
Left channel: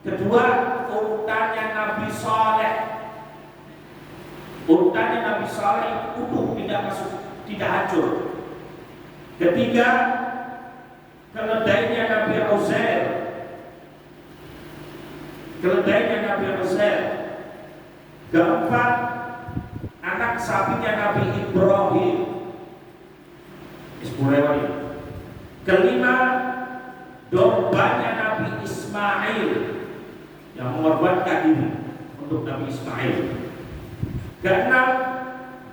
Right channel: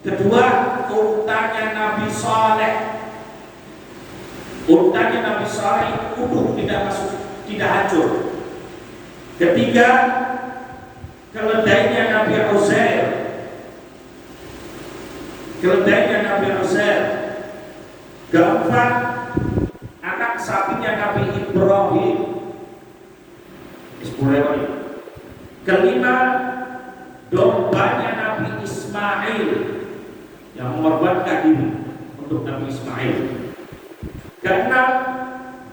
Kedua, untanya Nabi Saleh. Untanya Nabi Saleh itu utuh, tidak masuk, tidak hancur. Ketiga, keledainya Nabi Uzair. Keledainya Nabi Uzair. Keempat, anak sapinya Nabi Ibrahim. 10 hewan. Kelima, dombanya Nabi Ismail yang mengorbankan diri untuk Nabi Ismail. Keenam,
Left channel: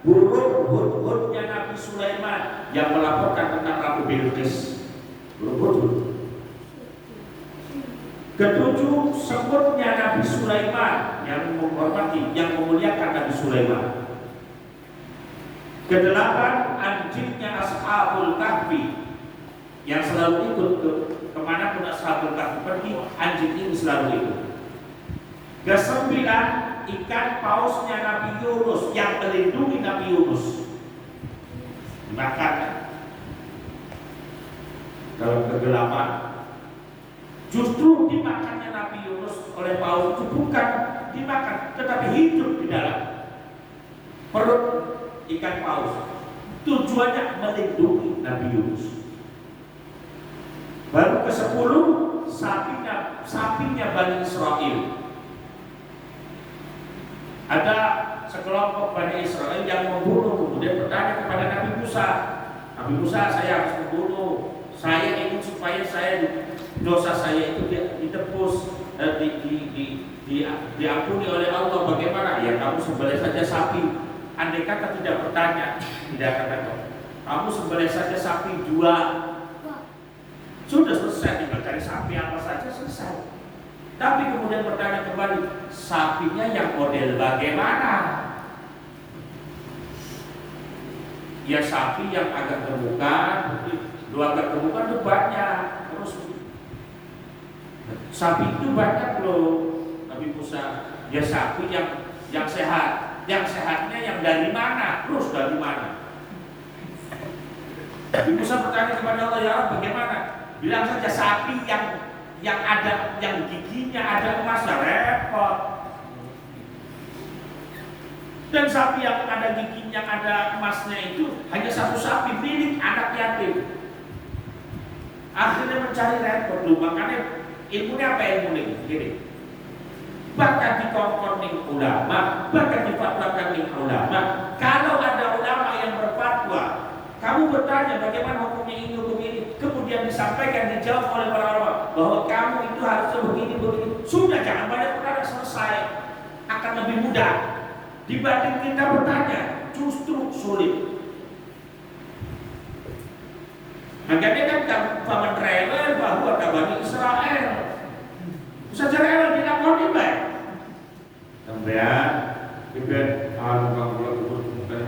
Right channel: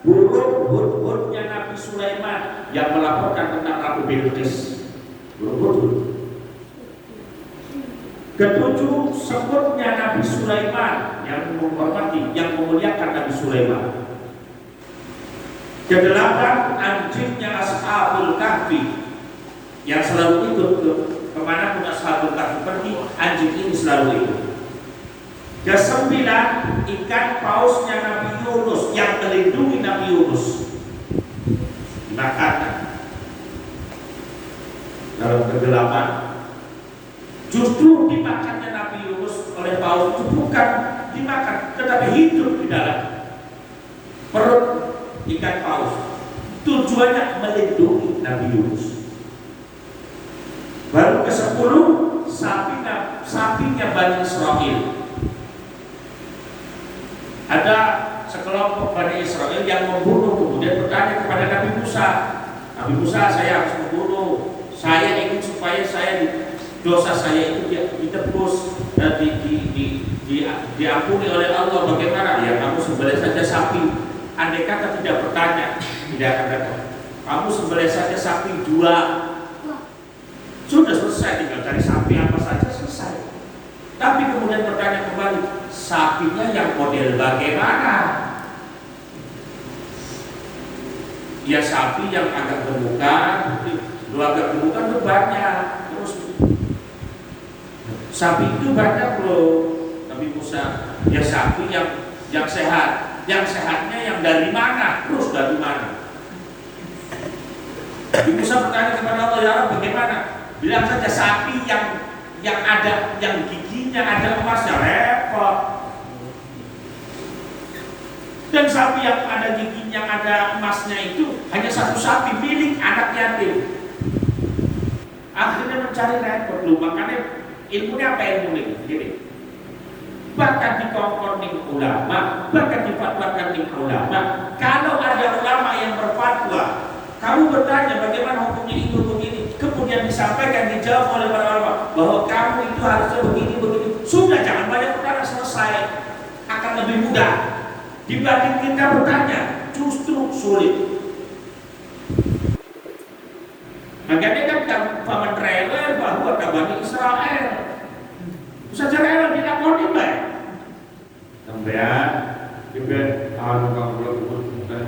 burung hud-hudnya Nabi Sulaiman yang melaporkan tentang Ratu Bilqis. Burung hud-hud. Ketujuh, semutnya Nabi Sulaiman yang menghormati, yang memuliakan Nabi Sulaiman. Kedelapan, anjingnya Ashabul Kahfi yang selalu ikut kemana pun Ashabul Kahfi pergi, anjing ini selalu ikut. Kesembilan, ikan pausnya Nabi Yunus yang melindungi Nabi Yunus dimakan. Dalam kegelapan, justru dimakannya Nabi Yunus oleh paus itu bukan dimakan, tetapi hidup di dalam perut ikan paus. Tujuannya melindungi Nabi Yunus. Baru ke-10, sapinya Bani Israel. Ada sekelompok Bani Israel yang membunuh, kemudian bertanya kepada Nabi Musa, Nabi Musa, saya harus membunuh, saya ingin supaya dosa saya itu ditebus dan diampuni oleh Allah. Bagaimana? Ya kamu sembelih saja sapi. Andai kata tidak bertanya, tidak akan datang. Kamu sembelih saja sapi 2. Sudah selesai, tinggal cari sapi apa saja selesai. Tapi kemudian bertanya kembali, sapinya yang model bagaimana? Ya sapi yang agak gemukan, agak gemukan itu banyak. Terus sapi itu banyak loh, Nabi Musa. Ya sapi yang sehat. Yang sehatnya yang dari mana? Terus dari mana? Nabi Musa bertanya kepada Allah, ya Allah bagaimana? Bilang saja sapi yang ada, yang giginya ada emasnya, repot. Dan sapi yang ada giginya ada emasnya itu hanya satu sapi milik anak yatim. Akhirnya mencari repot lu, makanya ilmunya apa ilmu ini? Gini. Bahkan dikongkoning ulama, bahkan difatwakan ulama. Kalau ada ulama yang berfatwa, kamu bertanya bagaimana hukumnya ini, hukum ini, kemudian disampaikan, dijawab oleh para ulama bahwa kamu itu harusnya begini. Sudah, jangan banyak bertanya, selesai. Akan lebih mudah dibanding kita bertanya, justru sulit. Makanya kan paman rela bahwa Bani Israel saja rela dilakoni baik. Sampean ibadah kamu bukan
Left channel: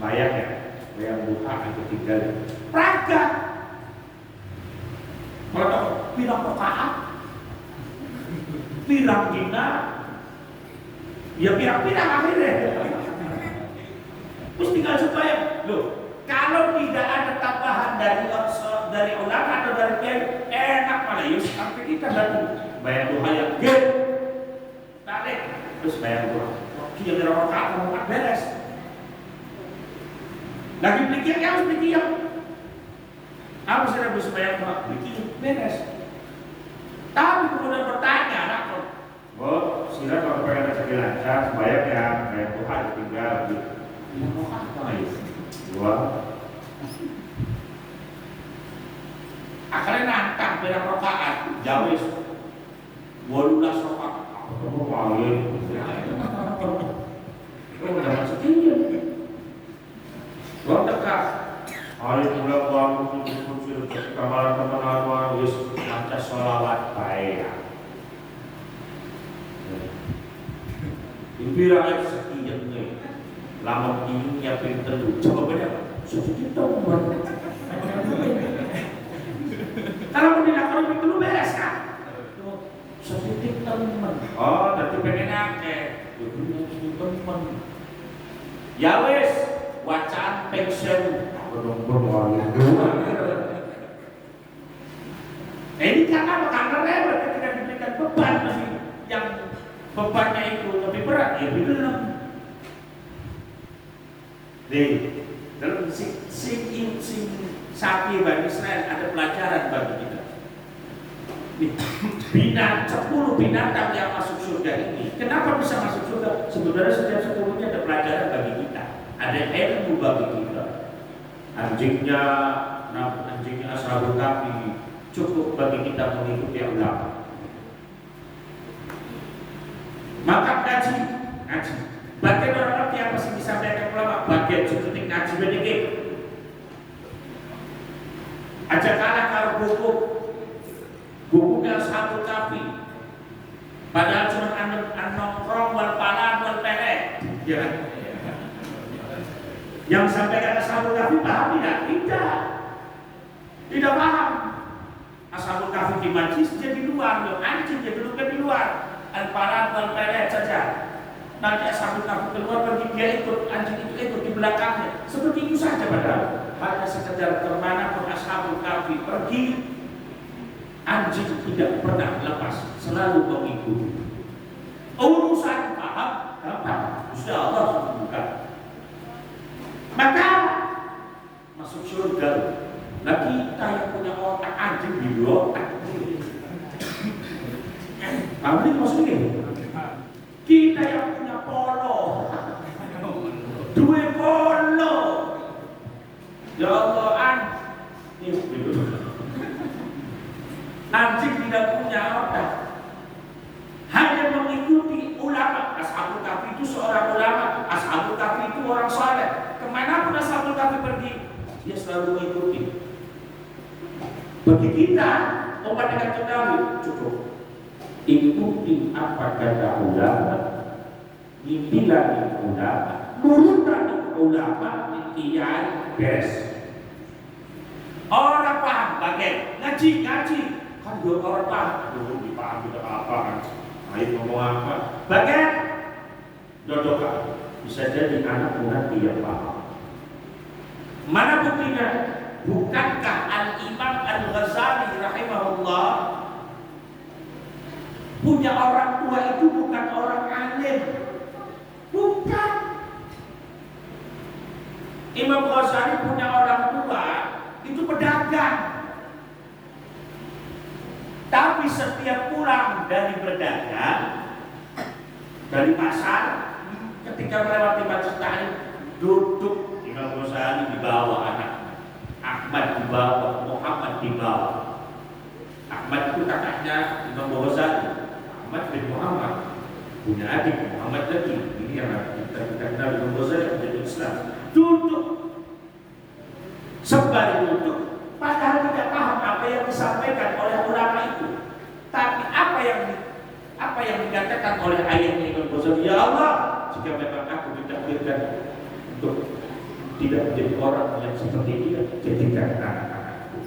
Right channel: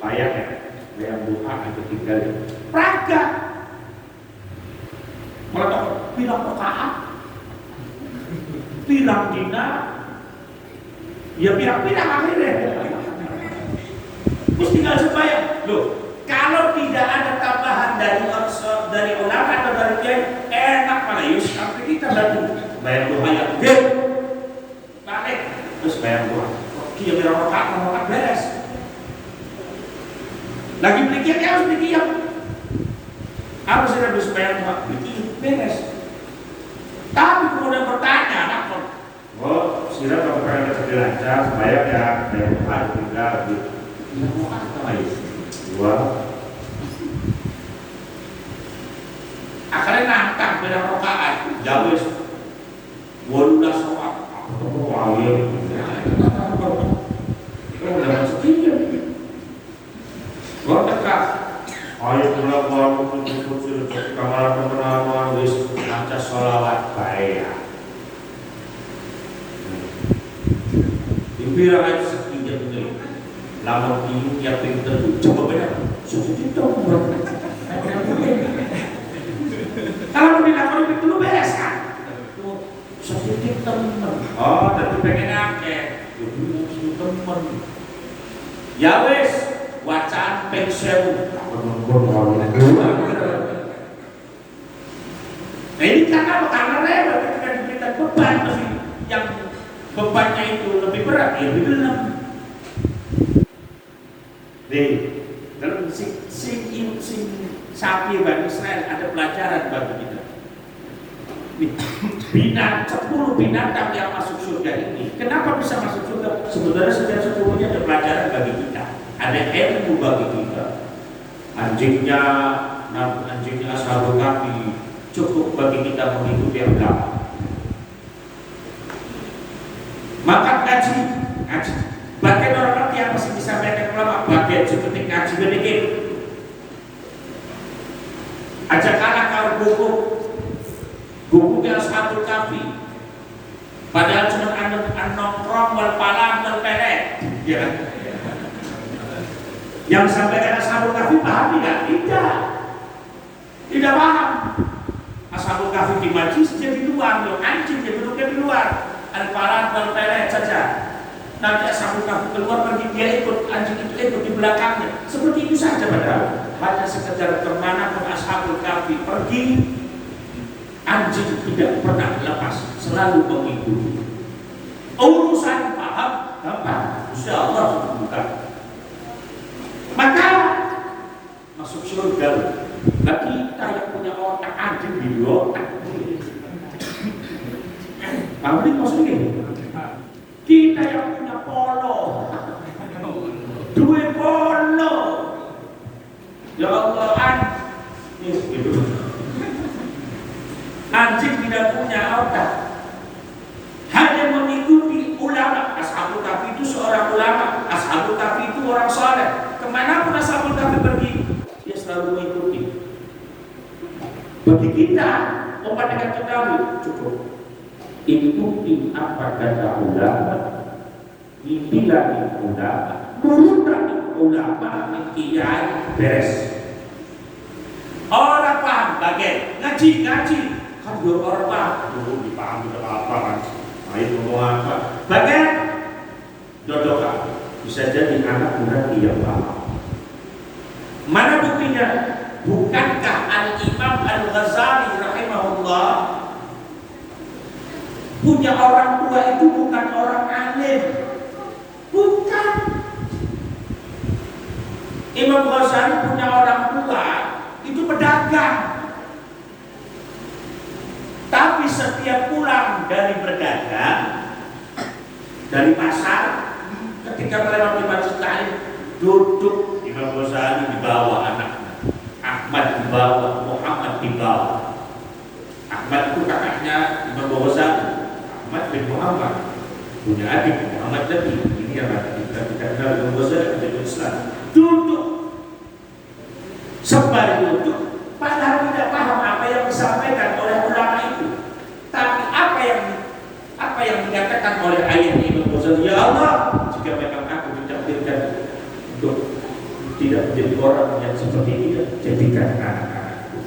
bayang ya. Bayang buka aja tinggal ya. Praga. Kalau pirang rakaat, pirang dina, ya pirang-pirang akhirnya. Terus tinggal sembahyang. Loh, kalau tidak ada tambahan dari ulama atau dari kiai, enak malah yus. Sampai kita lagi bayang doa yang gede, balik, terus bayang doa. Dia pirang rakaat beres. Lagi pikir harus pikir apa sih yang bisa bayar pikir beres. Tapi kemudian bertanya anak pun, oh sila kalau pengen jadi lancar bayar ya bayar ada tinggal gitu. Tidak mau apa lagi? Dua. Akhirnya nantang beda rokaat jauh. 12 rokaat. Aku mau ya. Itu udah masuk dia. Gua tekak, ayo pulang baru tutup kamar teman-teman wis maca sholawat baik. Impira aja sekian ini, lamun tiung yang pinter coba benar, sudah ditunggu. Kalau dilakoni itu lu beres kan? Sedikit temen. Oh, tapi pengen akeh. Kudu temen. Ya wis, wacaan ping 1000. Nah ini karena rewel ketika diberikan beban yang bebannya itu lebih berat, ya lebih gelap. Dalam sapi Bani Israel ada pelajaran bagi kita. 10 binatang yang masuk surga ini, kenapa bisa masuk surga? Sebenarnya setiap satunya ada pelajaran bagi kita, ada ilmu bagi kita. Anjingnya Ashabul Kahfi cukup bagi kita mengikuti agama. Maka ngaji. Bagian orang ngerti apa sih disampaikan ulama? Bagian seperti ngaji sedikit. Aja kalah kalau guguknya Ashabul Kahfi. Padahal cuma nongkrong wal palang wal pelet. Ya. Yang sampaikan Ashabul Kahfi paham tidak? Tidak paham. Ashabul Kahfi di majlis jadi luar, anjing dia duduknya di luar. Al-palang wal pelet saja. Nanti Ashabul Kahfi keluar pergi, dia ikut, anjing itu ikut di belakangnya. Seperti itu saja padahal. Hanya sekedar kemanapun Ashabul Kahfi pergi, anjing tidak pernah lepas, selalu mengikuti. Urusan paham, gampang, insya Allah sudah bukan. Maka masuk surga. Nah kita yang punya otak anjing di otak. Paham ini maksudnya? Kita yang punya polo, dua polo. Ya Allah, anjing tidak punya otak, hanya mengikuti ulama. Ashabul Kahfi itu seorang ulama, Ashabul Kahfi itu orang saleh. Kemanapun Ashabul Kahfi pergi, dia selalu mengikuti. Bagi kita, umat yang ketahui cukup ikuti apa kata ulama, ikutilah ulama, nurutlah ulama, kiai beres. Orang paham bagai ngaji kan dua orang paham, dipaham tidak apa kan? Ayo ngomong apa? Bagai dodokan bisa jadi anak muda dia paham. Mana buktinya? Bukankah Al-Imam Al-Ghazali rahimahullah punya orang tua itu bukan orang alim? Bukan. Imam Ghazali punya orang tua itu pedagang. Tapi setiap pulang dari berdagang, dari pasar, ketika melewati Masjid Ta'lim, duduk Imam Ghazali dibawa anaknya, Ahmad dibawa, Muhammad dibawa. Ahmad itu kakaknya Imam Ghazali. Ahmad bin Muhammad punya adik Muhammad lagi. Ini yang kita kenal Imam Ghazali menjadi Islam. Duduk sembari duduk, padahal tidak paham apa yang disampaikan oleh ulama itu. Tapi apa yang dikatakan oleh ayat Imam Ghazali, ya Allah, jika memang aku ditakdirkan untuk tidak menjadi orang yang seperti ini, jadikan anak-anakku.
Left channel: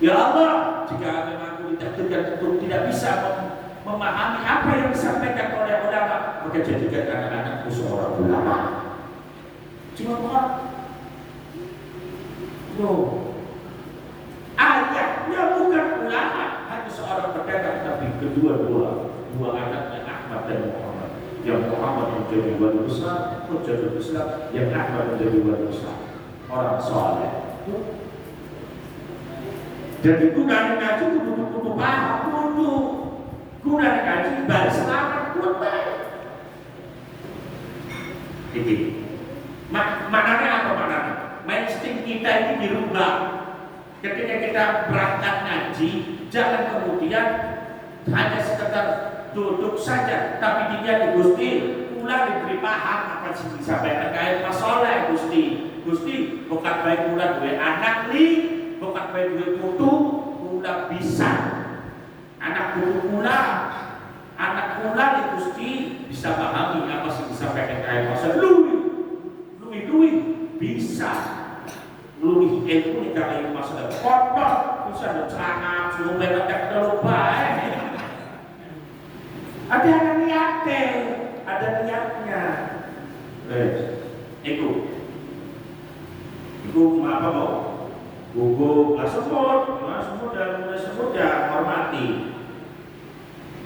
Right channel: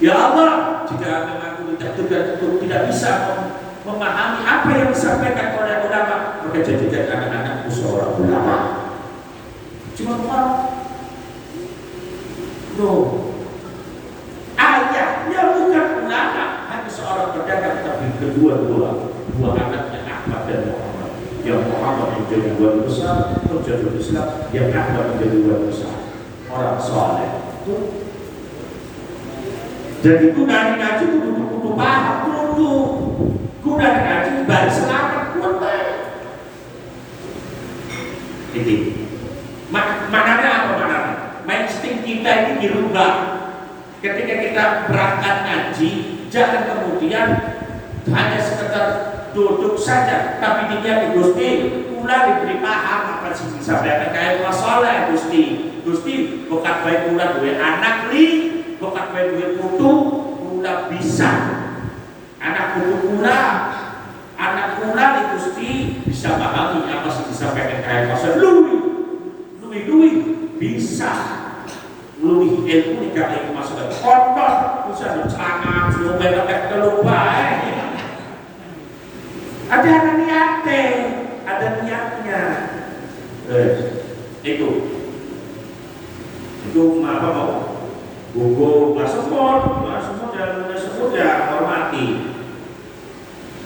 Ya Allah, jika memang aku ditakdirkan untuk tidak bisa memahami apa yang disampaikan oleh ulama, maka jadikan anak-anakku seorang ulama. Cuma orang ayahnya bukan ulama, hanya seorang pedagang, tapi dua anaknya Ahmad dan Muhammad. Yang Muhammad menjadi wali besar, menjadi Islam, yang Ahmad menjadi wali besar, orang saleh. Jadi guna ngaji kudu paham dulu. Guna ngaji baru selamat kuat. Jadi maknanya apa maknanya? Insting kita ini dirubah. Ketika kita berangkat ngaji, jangan kemudian hanya sekedar duduk saja, tapi diniat Gusti, kula diberi paham apa sih disampaikan kaya masalah Gusti. Gusti bukan baik kula duwe anak li, bukan baik duwe putu, kula bisa. Anak putu kula, anak kula li Gusti bisa pahami apa sih disampaikan kaya masalah. Lui bisa. luwih ilmu nek gak masalah kotor bisa sangat sebelum mereka lupa. Ada niatnya. Ikut apa mau? Gugu nggak semut ya hormati.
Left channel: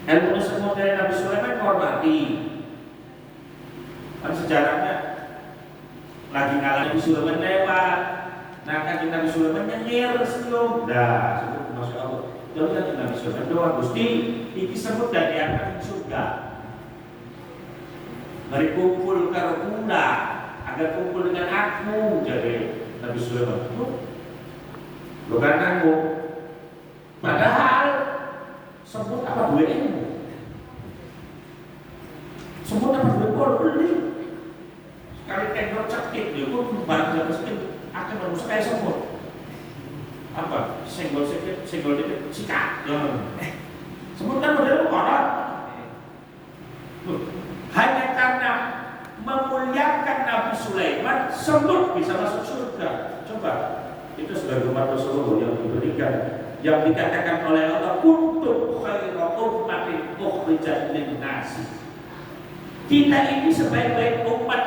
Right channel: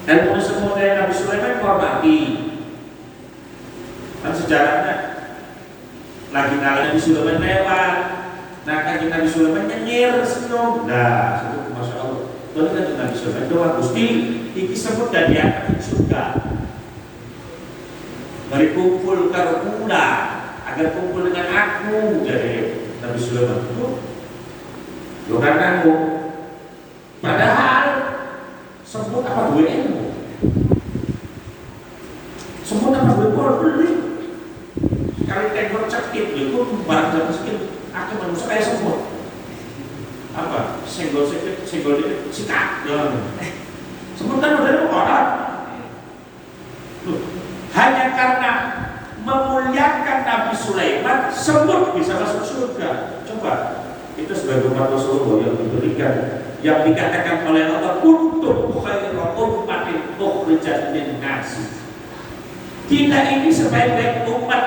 Ilmu semut dari Nabi Sulaiman hormati. Kan sejarahnya lagi Nabi Sulaiman lewat. Nah kan Nabi Sulaiman nyengir senyum. Nah, sebut masya Allah. Lalu kan Nabi Sulaiman doa Gusti, iki semut dan dia surga. Mari kumpul karo kula agar kumpul dengan aku, jadi Nabi Sulaiman itu bukan kamu. Padahal semut apa dua ilmu? Semut apa dua pol beli? Sekali tembok cekit, itu barang jatuh sedikit, akhirnya manusia kayak semut. Apa? Senggol dikit, sikat. Semut kan udah kotor. Hanya karena memuliakan Nabi Sulaiman, semut bisa masuk surga. Coba, itu sebagai umat Rasulullah yang diberikan, yang dikatakan oleh Allah, kuntum khairu ummatin ukhrijat lin-nas. Kita ini sebaik-baik umat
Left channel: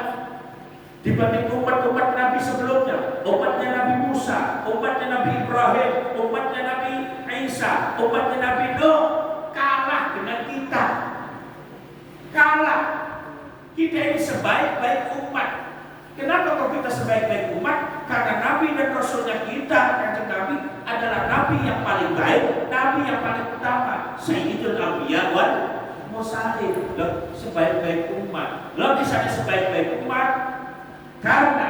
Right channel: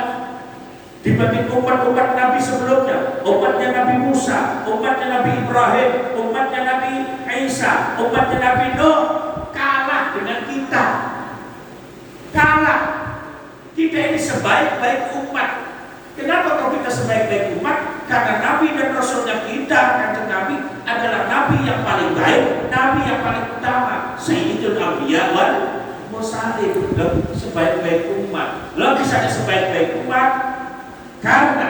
dibanding umat-umat Nabi sebelumnya. Umatnya Nabi Musa, umatnya Nabi Ibrahim, umatnya Nabi Isa, umatnya Nabi Nuh, kalah dengan kita. Kalah. Kita ini sebaik-baik umat. Kenapa kok kita sebaik-baik umat? Karena Nabi dan Rasulnya kita, kanjeng Nabi adalah Nabi yang paling baik, Nabi yang paling utama. Sayyidul Anbiya wal Mursalin. Sebaik-baik umat. Lalu misalnya sebaik-baik umat, karena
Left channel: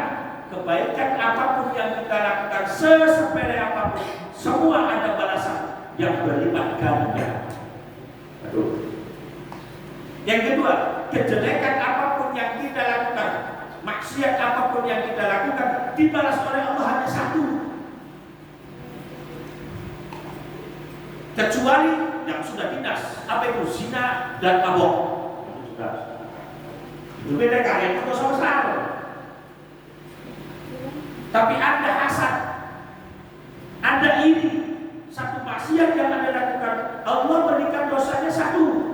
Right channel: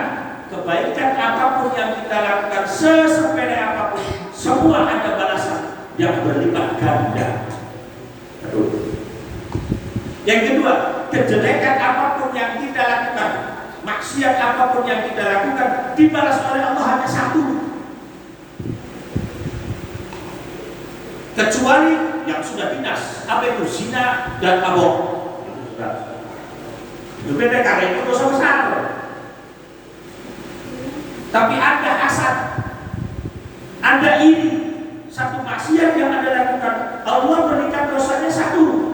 kebaikan apapun yang kita lakukan, sesepele apapun, semua ada balasan yang berlipat ganda. Yang kedua, kejelekan apapun yang kita lakukan, maksiat apapun yang kita lakukan, dibalas oleh Allah hanya satu. Kecuali yang sudah dinas, apa itu zina dan mabok. Berbeda karena itu dosa besar. Tapi Anda hasad, Anda iri, satu maksiat yang Anda lakukan, Allah berikan dosanya satu.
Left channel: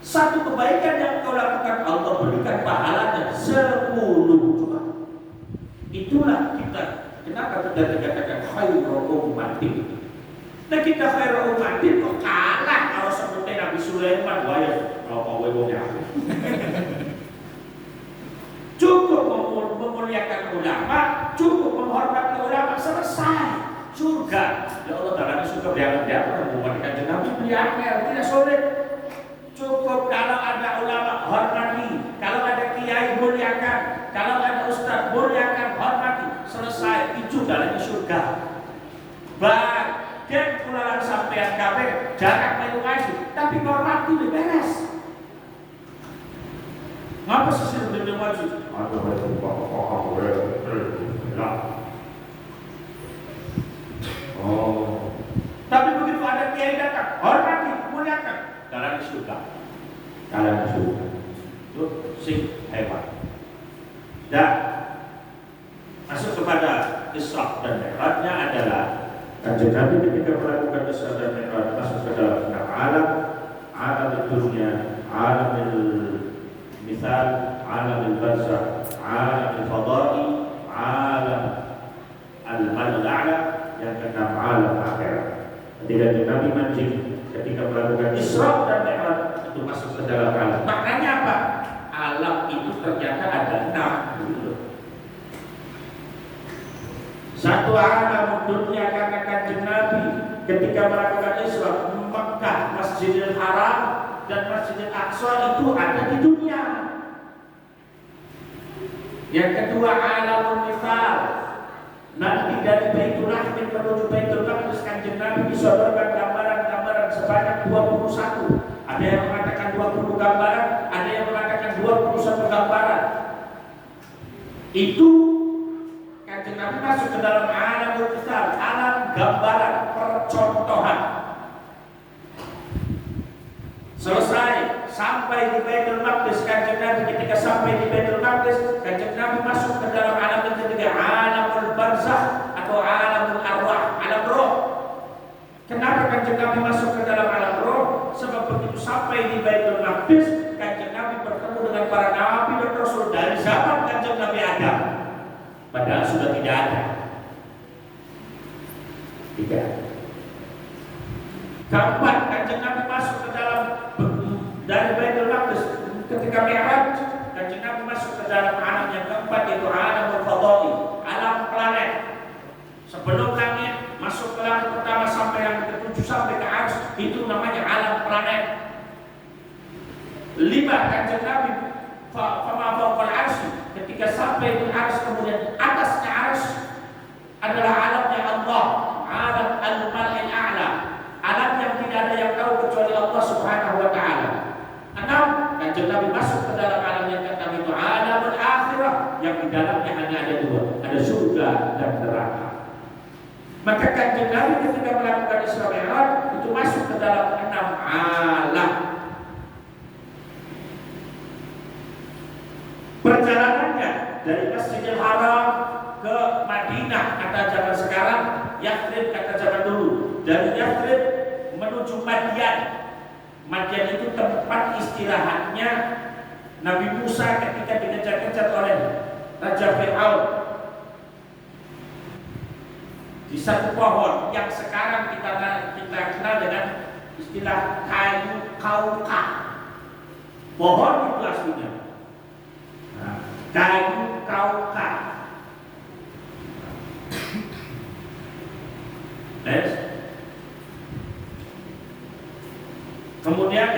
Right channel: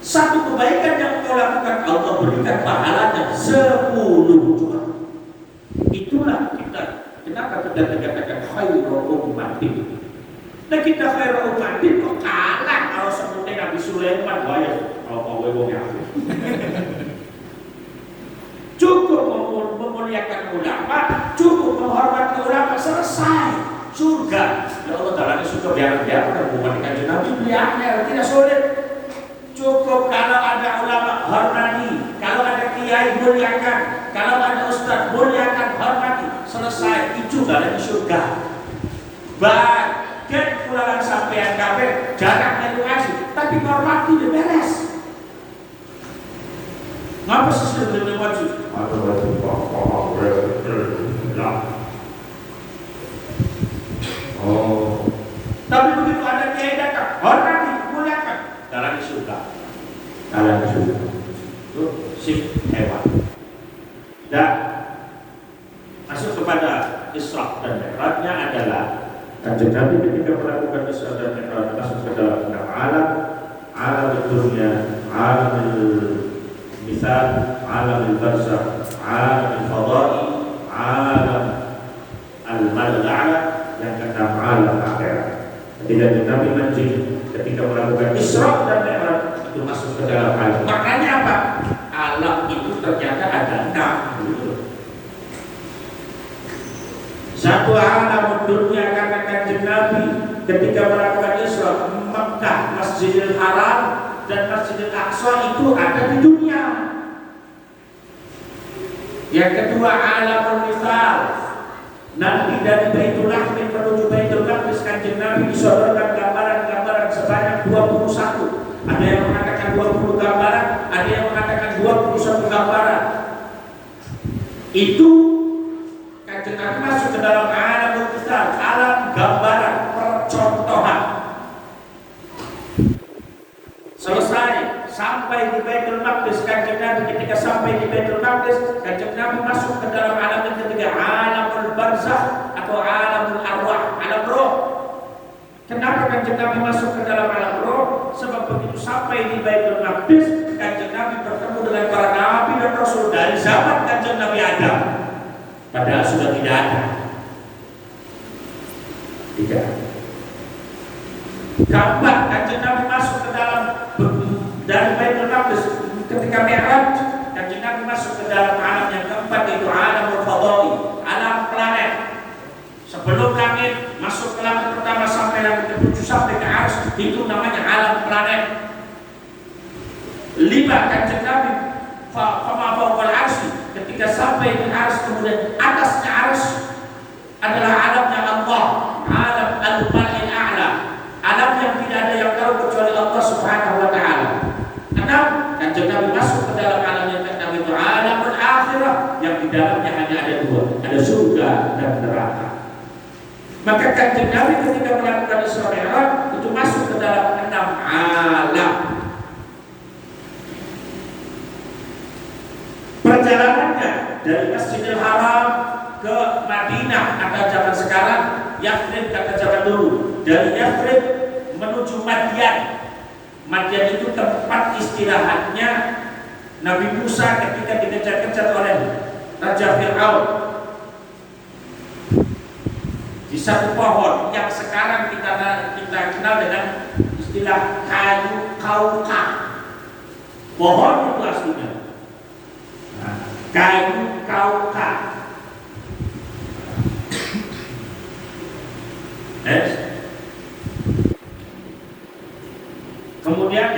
Satu kebaikan yang kau lakukan, Allah berikan pahalanya 10 juta. Itulah kita. Kenapa kita dikatakan khairu ummatin? Nah kita khairu ummatin kok kalah kalau sebutnya Nabi Sulaiman. Wah ya, kalau cukup memuliakan ulama, cukup menghormati ulama, selesai. Surga. Ya Allah Ta'ala surga biar mematikan Nabi beli akal, tidak sulit. Cukup kalau ada ulama hormati, kalau ada kiai muliakan, kalau ada ustaz muliakan, hormati, selesai. Itu jalan ke surga. Bagian kulalan sampean kabeh jarak melu ngaji, tapi hormati udah beres. Ngapa sih sudah ngaji? Oh. Tapi begitu ada kiai datang, hormati, muliakan. Jalan di surga. Itu sing hebat. Dan masuk kepada Isra dan Mi'rajnya adalah kanjeng Nabi ketika melakukan Isra dan Mi'raj masuk ke dalam alam dunia, alam misal, alam barzakh, alam fadai, alam al-mal'ala, yang keenam alam akhirat. Ketika Nabi ketika melakukan Isra dan Mi'raj itu masuk ke dalam alam. Maknanya apa? Alam itu ternyata ada 6. Satu alam dunia karena kanjeng Nabi ketika melakukan Isra, Mekah, Masjidil Haram dan Masjidil Aqsa itu ada di dunia. Yang kedua alamul misal. Nanti dari Baitul Lahmi menuju Baitul Maqdis kanjeng Nabi disodorkan gambaran-gambaran sebanyak 21. Ada yang mengatakan 20 gambaran, ada yang mengatakan 21 gambaran. Itu kanjeng Nabi masuk ke dalam alam besar, alam gambaran percontohan. Selesai sampai di Baitul Maqdis. Kanjeng Nabi ketika sampai di Baitul Maqdis, Kanjeng Nabi masuk ke dalam alam yang ketiga, alamul barzakh atau alamul arwah, alam roh. Kenapa Kanjeng Nabi masuk ke dalam alam roh? Sebab begitu sampai di Baitul Maqdis, Kanjeng Nabi bertemu dengan para nabi dan rasul dari zaman Kanjeng Nabi Adam. Padahal sudah tidak ada. Tidak. Keempat, Kanjeng Nabi masuk ke dalam dari Baitul Maqdis ketika Mi'raj, Kanjeng Nabi masuk ke dalam alam yang keempat, yaitu alamul fadai, alam planet. Sebelum langit, masuk ke langit pertama sampai langit ke-7 sampai ke Arsy, itu namanya alam planet. 5, Kanjeng Nabi fama fawqal arsy, ketika sampai di Arsy, kemudian atasnya Arsy adalah alamnya Allah, alam al-mal'il a'la, alam yang tidak ada yang tahu kecuali Allah Subhanahu wa taala. 6, Kanjeng Nabi masuk ke dalam alam yang keenam, itu alamul akhirah, yang di dalamnya hanya ada 2, ada surga dan neraka. Maka Kanjeng Nabi ketika melakukan Isra Mi'raj itu masuk ke dalam 6 alam. Perjalanannya dari Masjidil Haram ke Madinah kata zaman sekarang, Yathrib kata zaman dulu. Dari Yathrib menuju Madyan. Madyan itu tempat istirahatnya Nabi Musa ketika dikejar-kejar oleh Raja Fir'aun. Di satu pohon yang sekarang kita kenal dengan istilah kayu kauka. Pohon itu aslinya kayu kauka. Kemudian